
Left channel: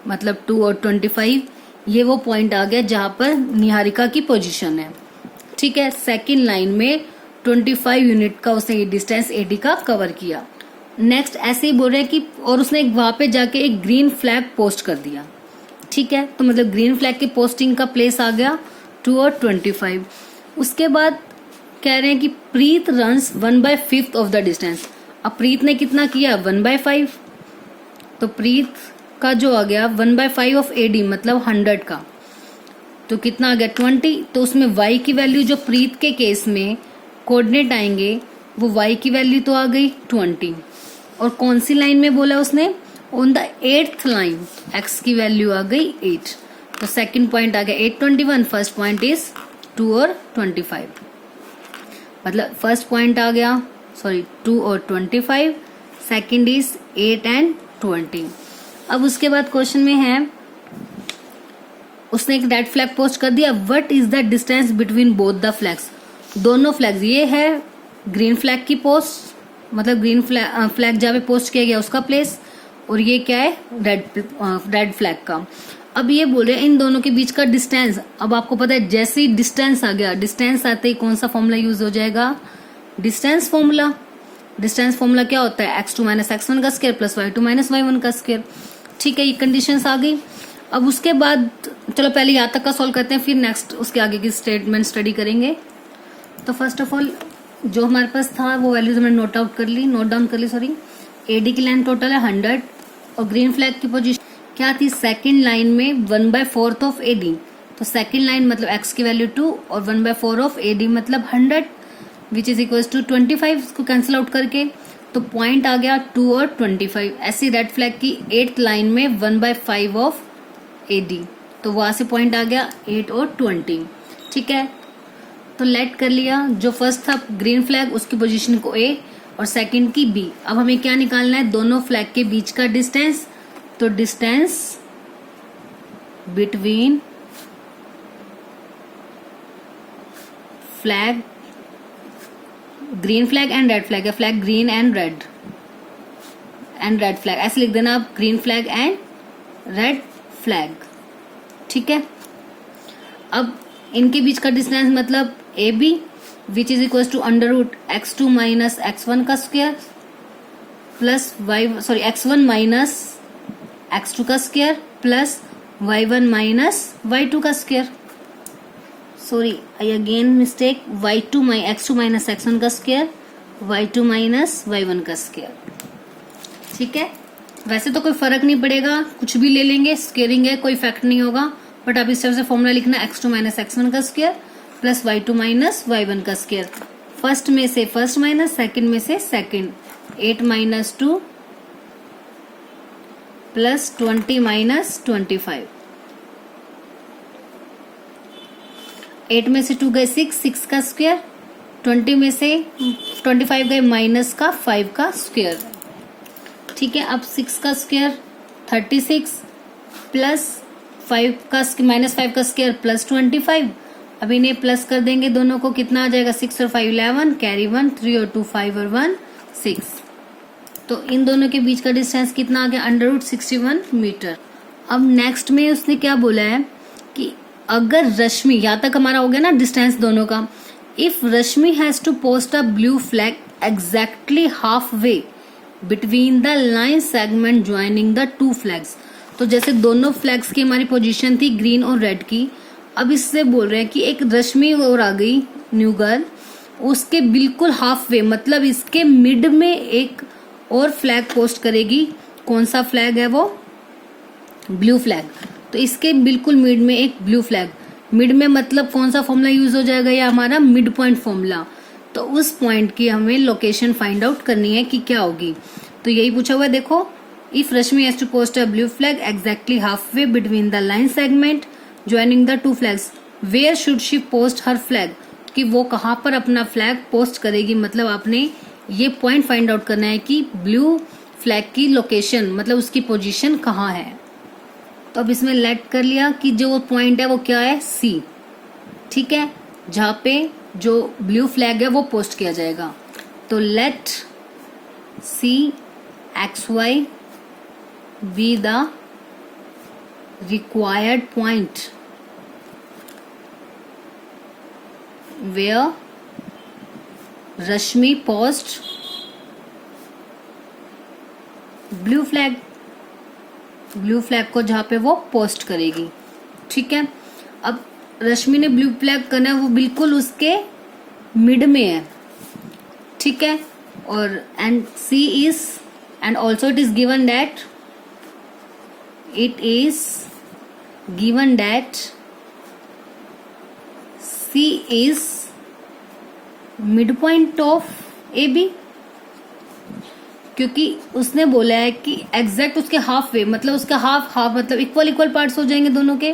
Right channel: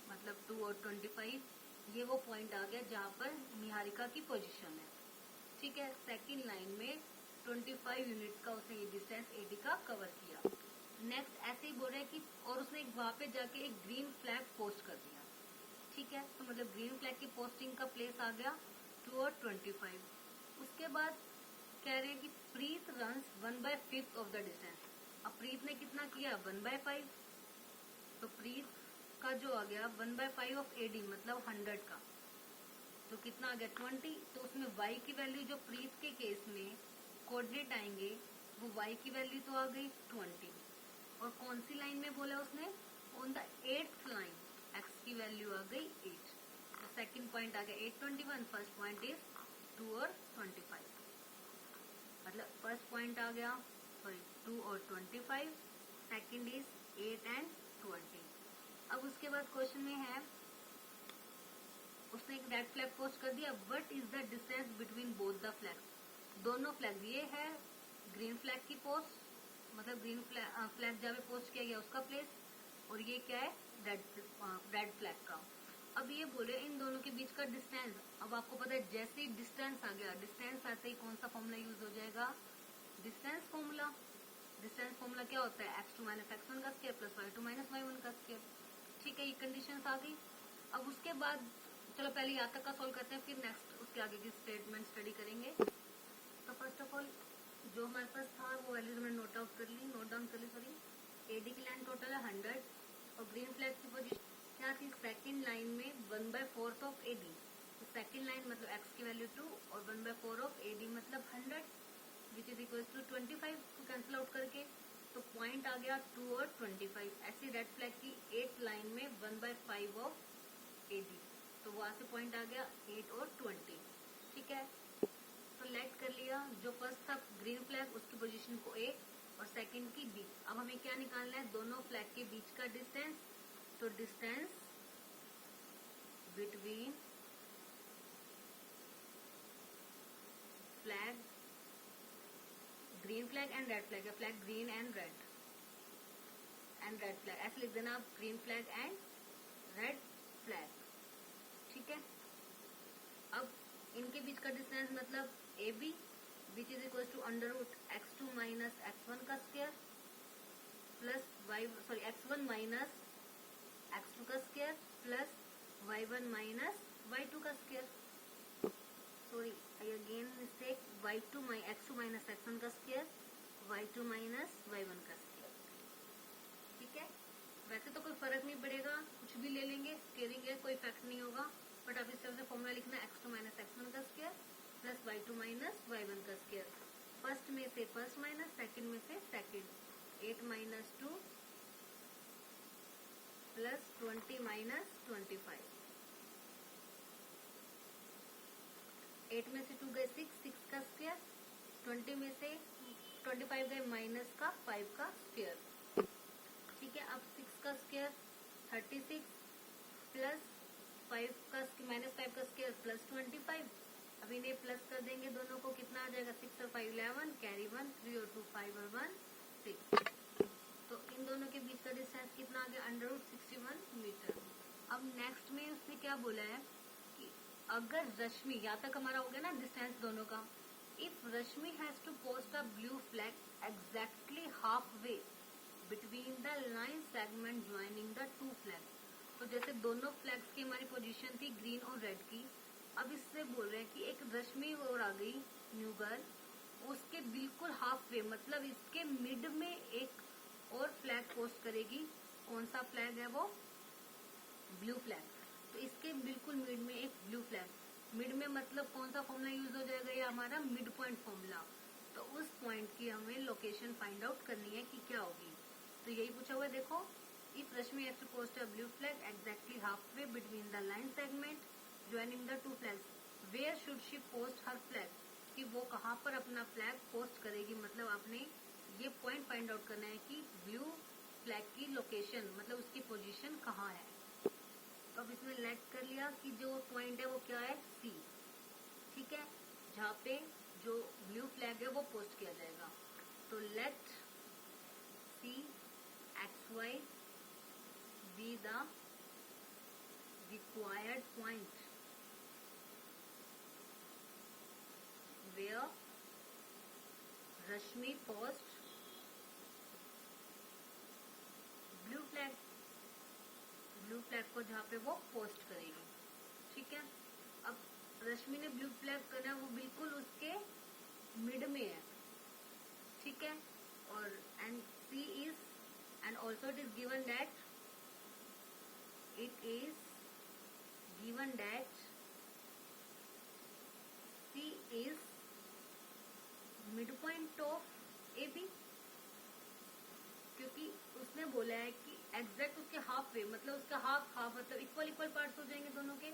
मतलब 2 और 25, ये वो पॉइंट आ गया जहां पर निहारिका की पोजीशन है। ठीक है, सेकेंड लाइन में 25 यूनिट का उसने ये डिस्टेंस एडी का कवर किया। नेक्स्ट ऐसे ही बोल रहे हैं कि और उसने वहां पे जाके एक ग्रीन फ्लैग पोस्ट कर दिया। ठीक है, तो मतलब ग्रीन फ्लैग की पोस्टिंग का प्लेस आ गया 2 और 25। उसके बाद कह रहे हैं कि प्रीत रन्स 1/5 ऑफ द डिस्टेंस। अब प्रीत ने कितना किया 1/5, तो प्रीत का जो आ गया 1/5 ऑफ एडी मतलब 100 का, तो कितना आ गया 20। तो उसमें y की वैल्यू जो प्रीत के केस में कोऑर्डिनेट आएंगे वो y की वैल्यू तो आ गई 20, और कौन सी लाइन में बोला उसने on the 8th line x की वैल्यू आ गई 8, तो सेकंड पॉइंट आ गया 8 21, फर्स्ट पॉइंट इज 2 और 25, मतलब फर्स्ट पॉइंट आ गया 2 और 25, सेकंड इज 8 एंड 20। अब उसके बाद क्वेश्चन में है उसने एक रेड फ्लैग पोस्ट कर दिया, what is the distance between both the flags. दोनों फ्लैग्स, ये है ग्रीन फ्लैग की पोस्ट, मतलब ग्रीन फ्लैग जहाँ पे पोस्ट किया गया उसका प्लेस, और ये क्या है रेड फ्लैग का। अब ये बोल रहे हैं इन दोनों के बीच का डिस्टेंस। अब आपको पता है जैसे ही डिस्टेंस आ गया, डिस्टेंस आते ही कौन सा फॉर्मूला यूज हो जाएगा डिस्टेंस फॉर्मूला। डिस्टेंस फॉर्मूला क्या होता है x2 - x1 का स्क्वायर प्लस y2 - y1 का स्क्वायर। ठीक है, ये कंडीशंस आ गई। अब उसके बाद चलो पहले यहाँ तक का सॉल्व करते हैं, फिर नेक्स्ट उसके आगे की स्टेटमेंट स्टडी करेंगे। तो फर्स्ट ऑफ ऑल जो हमारे पास था वो वैल्यूज हमने नोट डाउन कर ली सॉरी। एडी की लाइन टोटल है 100, और ग्रीन फ्लैग की पोजीशन क्या थी सेकंड लाइन में 1/4 ऑफ एडी, तो सेकंड लाइन मतलब x की वैल्यू 2 और 1/4 ऑफ एडी मतलब 100 विच इज इक्वल टू 25, इसको कैंसिल आउट करके तो पॉइंट आ गया 2 और 25। ऐसी रेड फ्लैग की 8th लाइन में 1/5 ऑफ एडी, तो वहां से पॉइंट आ गया 8 और 20। ठीक है, तो लेट कर लिया, जो फर्स्ट था ग्रीन फ्लैग उसकी पोजीशन को A और सेकंड की B। अब हमें क्या निकालना है दोनों फ्लैग के बीच का डिस्टेंस, तो distance between flag green flag and red flag है, flag green and red flag ऐसे लिख देना आप, green flag and red flag. ठीक है, अब इनके बीच का डिस्टेंस मतलब A B which is equal to √x2 - x1 का स्क्वायर प्लस x1 - x2 का स्क्वायर प्लस y1 - y2 का square. Sorry I again mistake, y2 - x2 - x1 का स्क्वायर, y2 - y1 का स्क्वायर। ठीक है, वैसे तो कोई फर्क नहीं पड़ेगा, कुछ भी ले लेंगे, स्क्वेयरिंग है कोई इफेक्ट नहीं होगा, बट आप इस तरह से फॉर्मूला लिखना x2 - x1 का स्क्वायर प्लस y2 - y1 का स्क्वायर। फर्स्ट में से फर्स्ट माइनस, सेकंड में से सेकंड, 8 - 2 प्लस 20 - 25। 8 में से 2 गए 6 का स्क्वायर 20 में से 25 गए माइनस का 5 का स्क्वायर, ठीक है। अब 6 का स्क्वायर 36 प्लस 5 का माइनस 5 का स्क्वायर प्लस 25। अब इन्हें प्लस कर देंगे दोनों को, कितना आ जाएगा 6 और 5 11, कैरी 1, 3 और 2 5 और 1 6। तो इन दोनों के बीच का डिस्टेंस कितना आ गया √61 मीटर। अब नेक्स्ट में उसने क्या बोला है कि अगर रश्मि, यहाँ तक हमारा हो गया ना डिस्टेंस दोनों का, if Rashmi has to post a blue flag exactly half way between the line segment joining the two flags. तो जैसे दोनों फ्लैग्स की हमारी पोजीशन थी ग्रीन और रेड की, अब इससे बोल रहे हैं कि एक रश्मि और आ गई न्यू गर्ल, उसके बिल्कुल हाफ वे मतलब इसके मिड में एक और फ्लैग पोस्ट करेगी। कौन सा फ्लैग है वो? Blue flag. तो इसके बिल्कुल मिड में एक ब्लू फ्लैग, मिड में मतलब कौन सा फॉर्मूला यूज हो जाएगा? या हमारा मिड पॉइंट फॉर्मूला। तो उस पॉइंट की हमें लोकेशन फाइंड आउट करनी है कि क्या होगी। तो यही पूछा हुआ है, देखो, if Rashmi has to post a blue flag exactly half way between the line segment joining the two flags, where should she post her flag, कि वो कहाँ पर अपना फ्लैग पोस्ट करेगी। मतलब आपने ये पॉइंट फाइंड आउट करना है कि ब्लू फ्लैग की लोकेशन मतलब उसकी पोजीशन कहाँ है। तो अब इसमें लेट कर लिया कि जो पॉइंट है वो क्या है, सी, ठीक है, जहाँ पे जो ब्लू फ्लैग है वो पोस्ट किया जाएगा। तो let see XY be the required point where Rashmi post blue flag, blue flag को जहाँ पे वो पोस्ट करेगी, ठीक है। अब रश्मि ने ब्लू फ्लैग करना है, वो बिल्कुल उसके मिड में है, ठीक है। और and C is and also it is given that C is midpoint of AB, क्योंकि उसने बोला है कि एग्जैक्ट उसके हाफ वे मतलब उसका हाफ मतलब इक्वल पार्ट्स हो जाएंगे दोनों के,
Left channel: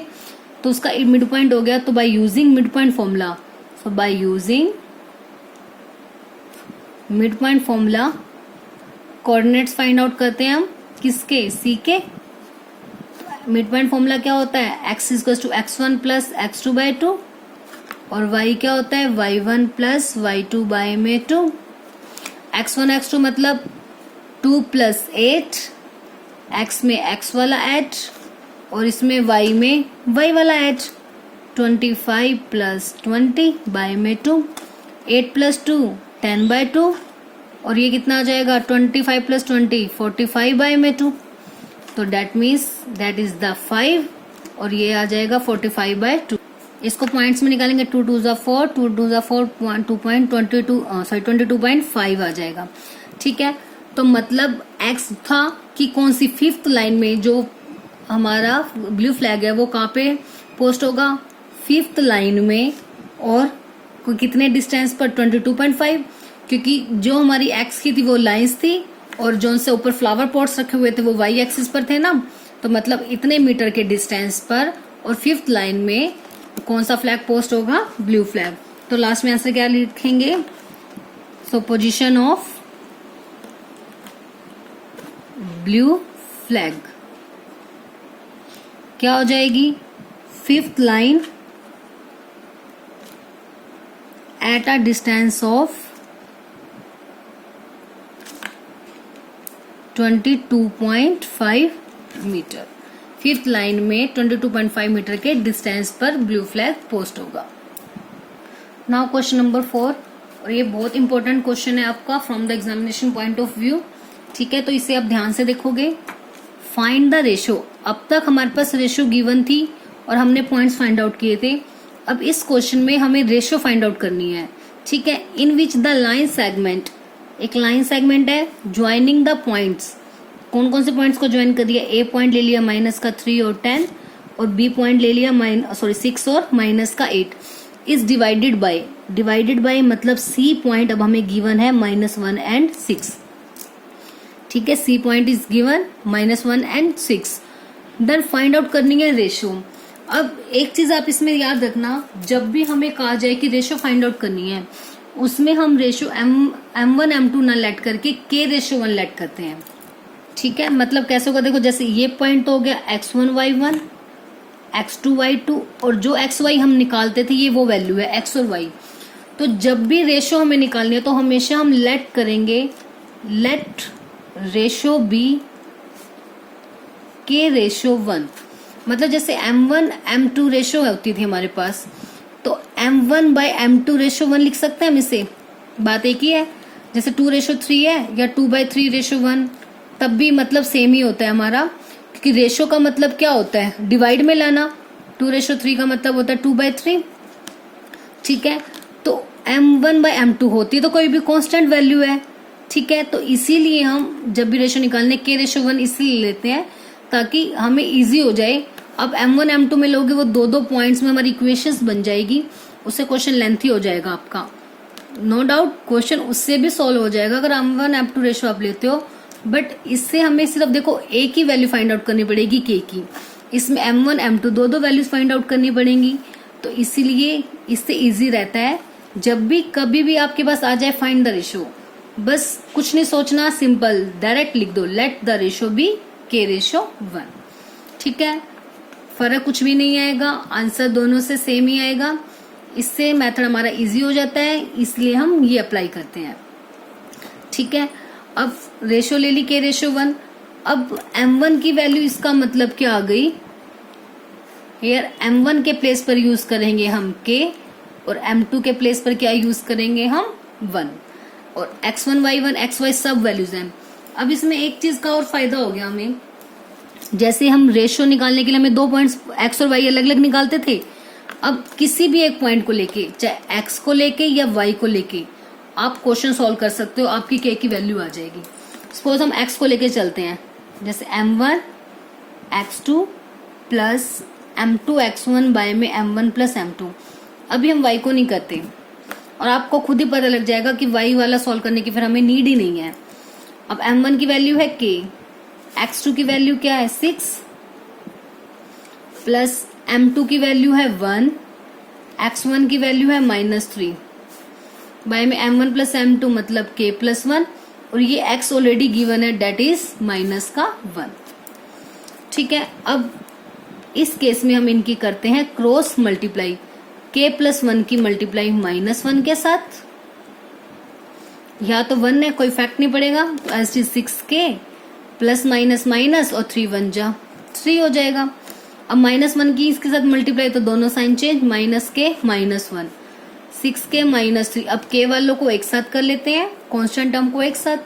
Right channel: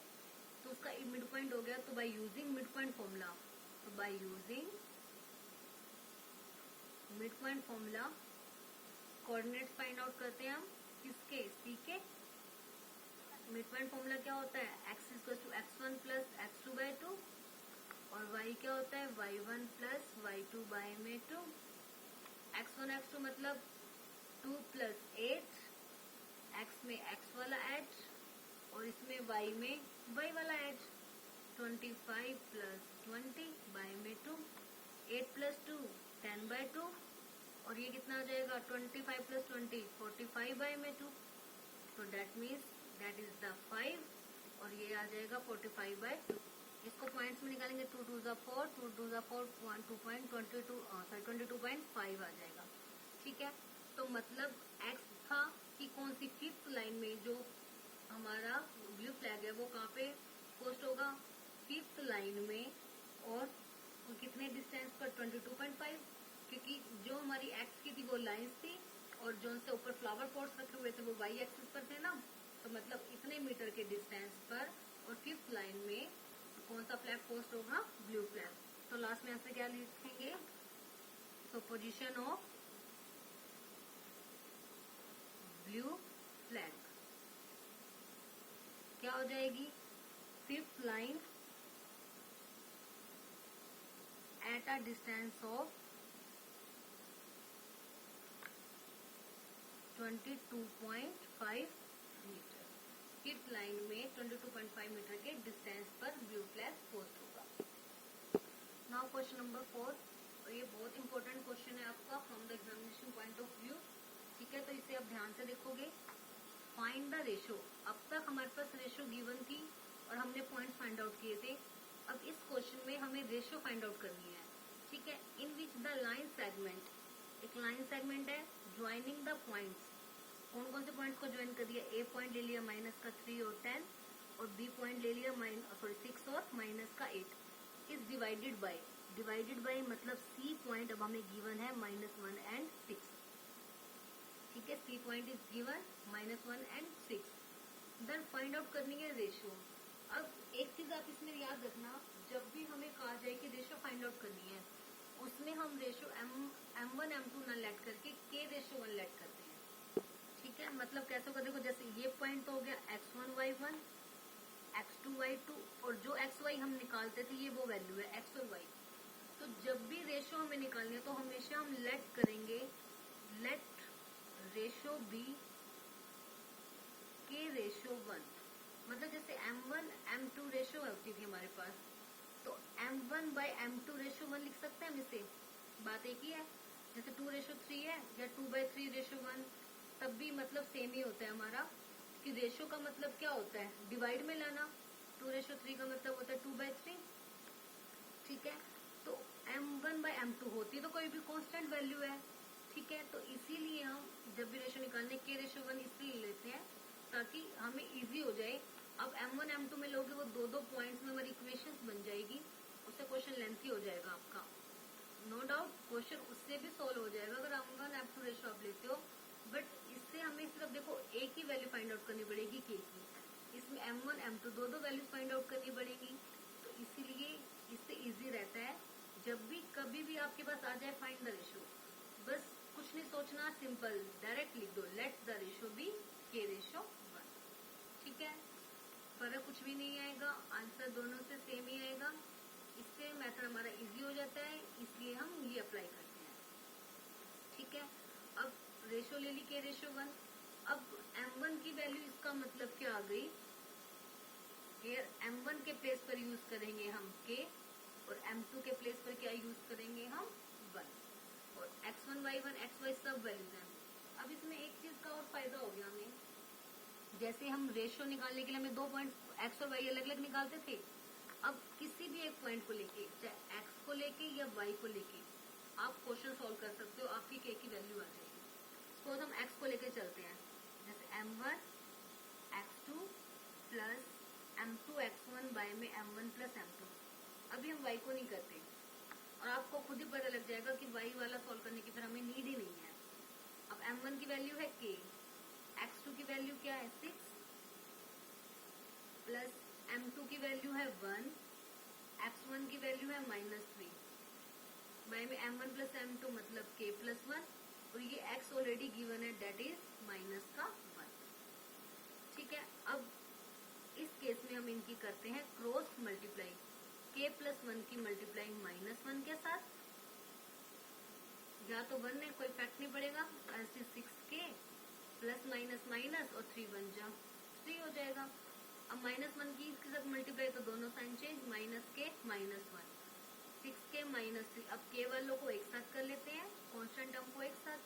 तो उसका मिड पॉइंट हो गया। तो by using mid point formula, so by using mid point formula coordinates find out करते हैं हम किसके, सी के। मिड पॉइंट फॉर्मूला क्या होता है, x = x1 + x2/2 और y क्या होता है, y1 + y2/2। x1 x2 मतलब 2 + 8, x में x वाला 8 और इसमें y में y वाला 8, 25 + 20/2, 8 + 2 10/2 और ये कितना आ जाएगा 25 + 20 45/2। तो that means that is the 5 और ये आ जाएगा 45/2। इसको पॉइंट्स में निकालेंगे, 2 2 = 4, 2 2 = 4, 22.5 आ जाएगा, ठीक है। तो मतलब x था कि कौन सी फिफ्थ लाइन में जो हमारा ब्लू फ्लैग है वो कहाँ पे पोस्ट होगा, फिफ्थ लाइन में, और कितने डिस्टेंस पर 22.5, क्योंकि जो हमारी x की थी वो लाइंस थी और जो उनसे ऊपर फ्लावर पॉट्स रखे हुए थे वो y एक्सिस पर थे ना, तो मतलब इतने मीटर के डिस्टेंस पर और फिफ्थ लाइन में कौन सा फ्लैग पोस्ट होगा, ब्लू फ्लैग। तो लास्ट में आंसर क्या लिखेंगे, so position of blue flag क्या हो जाएगी, fifth line at a distance of 22.5 metre. Fifth line में 22.5 मीटर के डिस्टेंस पर ब्लू फ्लैग पोस्ट होगा। नाउ क्वेश्चन नंबर 4, और ये बहुत इंपॉर्टेंट क्वेश्चन है आपका from the examination point of view, ठीक है। तो इसे आप ध्यान से देखोगे। फाइंड द रेशो, अब तक हमारे पास रेशो गिवन थी और हमने पॉइंट्स फाइंड आउट किए थे। अब इस क्वेश्चन में हमें रेशो फाइंड आउट करनी है, ठीक है। इन विच द लाइन सेगमेंट, एक लाइन सेगमेंट है, ज्वाइनिंग द पॉइंट्स, कौन कौन से पॉइंट्स को ज्वाइन कर दिया, ए पॉइंट ले लिया -3 और 10 और बी पॉइंट ले लिया 6 और -8, इज डिवाइडेड बाय मतलब सी पॉइंट अब हमें गिवन है -1 and 6, ठीक है। C point is given -1 and 6। Then find out करनी है रेशो। अब एक चीज आप इसमें याद रखना, जब भी हमें कहा जाए कि रेशो फाइंड आउट करनी है उसमें हम रेशो M1 M2 ना लेट करके K रेशो 1 लेट करते हैं। ठीक है, मतलब कैसे होगा, देखो जैसे ये पॉइंट तो हो गया x1 y1 x2 y2, और जो xy हम निकालते थे ये वो वैल्यू है x और y। तो जब भी रेशो हमें निकालनी है तो हमेशा हम लेट करेंगे, let ratio be K ratio 1। मतलब जैसे M1 M2 रेशो होती थी हमारे पास, तो M1 बाई M2 रेशो 1 लिख सकते हैं हम इसे। बात एक ही है, जैसे 2 रेशो 3 है या 2/3 रेशो 1, तब भी मतलब सेम ही होता है हमारा, क्योंकि रेशो का मतलब क्या होता है, डिवाइड में लाना। 2 रेशो 3 का मतलब होता है 2/3। ठीक है, तो M1 बाई M2 होती है तो कोई भी कांस्टेंट वैल्यू है। ठीक है, तो इसीलिए हम जब भी रेशो निकालने K रेशो 1 इसलिए लेते हैं ताकि हमें इजी हो जाए। अब M1 M2 में लोगे वो दो पॉइंट्स में हमारी इक्वेशंस बन जाएगी, उससे क्वेश्चन लेंथी हो जाएगा आपका। नो डाउट क्वेश्चन उससे भी सॉल्व हो जाएगा अगर M1 M2 रेशो आप लेते हो, बट इससे हमें सिर्फ देखो एक ही वैल्यू फाइंड आउट करनी पड़ेगी K की। इसमें M1 M2 दो वैल्यूज फाइंड आउट करनी पड़ेंगी, तो इसीलिए इससे इजी रहता है। जब भी कभी भी आपके पास आ जाए फाइंड द रेशो, बस कुछ नहीं सोचना, सिंपल डायरेक्ट लिख दो let the ratio be K ratio 1। ठीक है, फर्क कुछ भी नहीं आएगा, आंसर दोनों से सेम ही आएगा। इससे मेथड हमारा इजी हो जाता है, इसलिए हम ये अप्लाई करते हैं। ठीक है, अब रेशो ले ली K रेशो 1। अब M1 की वैल्यू, इसका मतलब क्या आ गई, हियर M1 के प्लेस पर यूज करेंगे हम K, और M2 के प्लेस पर क्या यूज करेंगे हम 1, और x1 y1 xy सब वैल्यूज हैं। अब इसमें एक चीज का और फायदा हो गया हमें, जैसे हम रेशो निकालने के लिए हमें 2 पॉइंट्स x और y अलग अलग निकालते थे, अब किसी भी एक पॉइंट को लेके, चाहे x को लेके या y को लेके, आप क्वेश्चन सॉल्व कर सकते हो, आपकी K की वैल्यू आ जाएगी। सपोज हम x को लेके चलते हैं, जैसे M1 x2 plus M2 x1 by में M1 प्लस M2। अभी हम y को नहीं करते, और आपको खुद ही पता लग जाएगा कि y वाला सॉल्व करने की फिर हमें नीड ही नहीं है। अब M1 की वैल्यू है K, x2 की वैल्यू क्या है 6, प्लस M2 की वैल्यू है 1, x1 की वैल्यू है -3, बाय में M1 प्लस M2 मतलब K प्लस 1, और ये x ऑलरेडी गिवन है, डेट इज -1। ठीक है, अब इस केस में हम इनकी करते हैं क्रॉस मल्टीप्लाई, K प्लस 1 की मल्टीप्लाई -1 के साथ, या तो 1 है कोई फैक्ट नहीं पड़ेगा, तो S 6K plus minus minus और 3 1 जा 3 हो जाएगा। अब -1 की इसके साथ मल्टीप्लाई तो दोनों साइन चेंज, -K -1, 6K -3। अब K वालों को एक साथ कर लेते हैं, कांस्टेंट टर्म को एक साथ,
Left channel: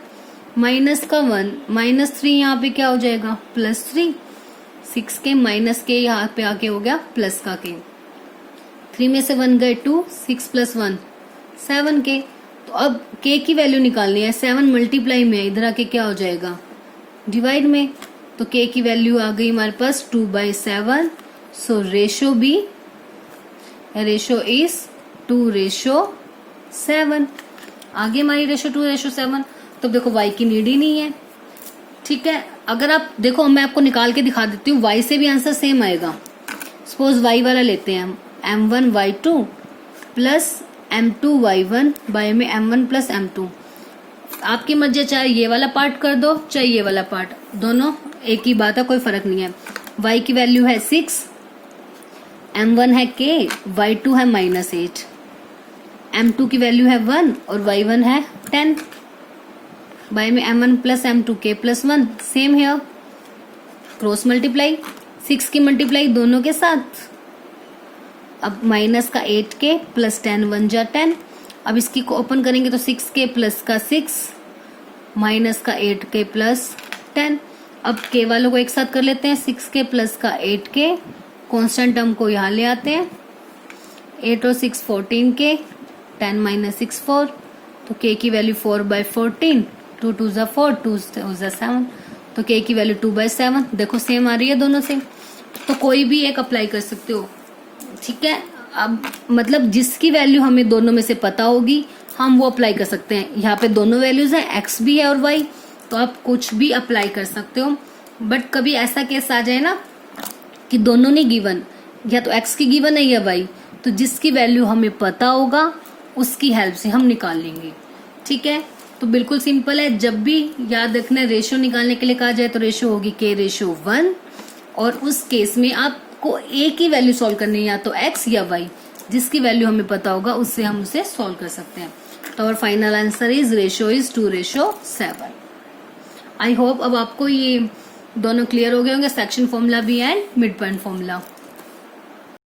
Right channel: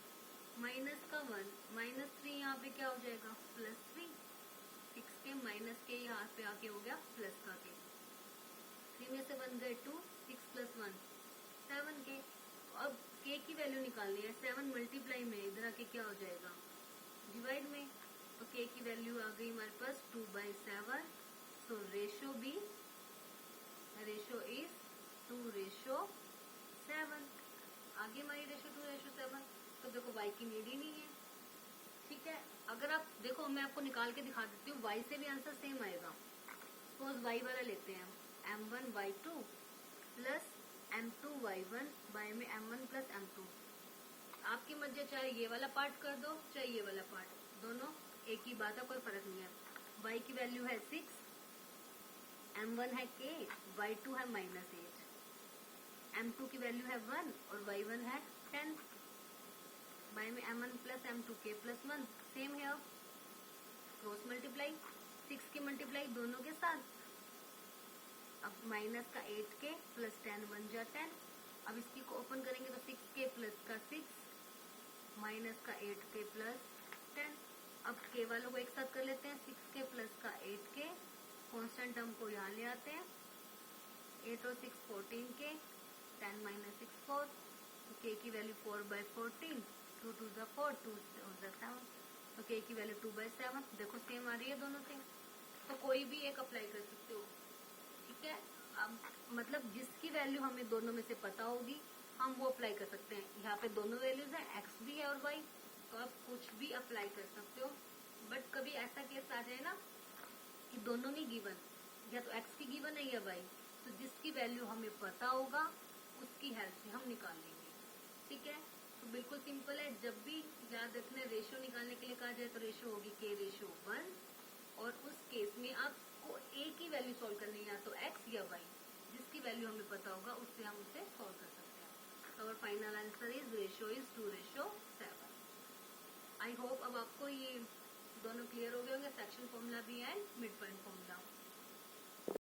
माइनस का 1 -3 यहाँ पे क्या हो जाएगा +3, 6K -K यहाँ पे आके हो गया प्लस का K, 3 में से 1 गए 2, 6 + 1 7K। तो अब K की वैल्यू निकालनी है, 7 मल्टीप्लाई में इधर आके क्या हो जाएगा डिवाइड में, तो K की वैल्यू आ गई हमारे पास 2/7। सो रेशो बी, रेशो इज 2:7। आगे हमारी रेशो 2:7। तो देखो y की नीड ही नहीं है। ठीक है, अगर आप देखो मैं आपको निकाल के दिखा देती हूँ, y से भी आंसर सेम आएगा। सपोज y वाला लेते हैं हम, M1 y2 plus M2 y1 bye में M1 प्लस M2। आपकी मर्जी, चाहे ये वाला पार्ट कर दो चाहे ये वाला पार्ट, दोनों एक ही बात है, कोई फर्क नहीं है। y की वैल्यू है 6, M1 है K, y2 है -8, M2 की वैल्यू है 1 और y1 है 10, बाय में M1 plus M2 K plus 1, same है क्रॉस मल्टीप्लाई, 6 की मल्टीप्लाई दोनों के साथ। अब माइनस का 8K प्लस 10 1 जा 10। अब इसकी को ओपन करेंगे तो 6K प्लस का 6 माइनस का 8K प्लस 10। अब K वालों को एक साथ कर लेते हैं, 6K प्लस का 8K, कांस्टेंट टर्म को यहाँ ले आते हैं, 8 और 6 14K, 10 - 6 4, तो K की वैल्यू 4/14, 2 2 जा 4, 2 जा 7, तो K की वैल्यू 2/7। देखो सेम आ रही है दोनों से, तो कोई भी एक अप्लाई कर सकते हो। ठीक है, अब मतलब जिसकी वैल्यू हमें दोनों में से पता होगी हम वो अप्लाई कर सकते हैं। यहाँ पे दोनों वैल्यूज हैं, x भी है और y, तो आप कुछ भी अप्लाई कर सकते हो। बट कभी ऐसा केस आ जाए ना कि दोनों नहीं गिवन, या तो x की गिवन है या y, तो जिसकी वैल्यू हमें पता होगा उसकी हेल्प से हम निकाल लेंगे। ठीक है, तो बिल्कुल सिंपल है। जब भी याद रखना रेशियो निकालने के लिए कहा जाए तो रेशियो होगी k/1, और उस केस में आपको एक ही वैल्यू सॉल्व करनी है, या तो x या y, जिसकी वैल्यू हमें पता होगा उससे हम उसे सॉल्व कर सकते हैं। तो और final answer is ratio is 2/7। I hope अब आपको ये दोनों क्लियर हो गए होंगे, सेक्शन फॉर्मूला भी एंड मिड पॉइंट फॉर्मूला।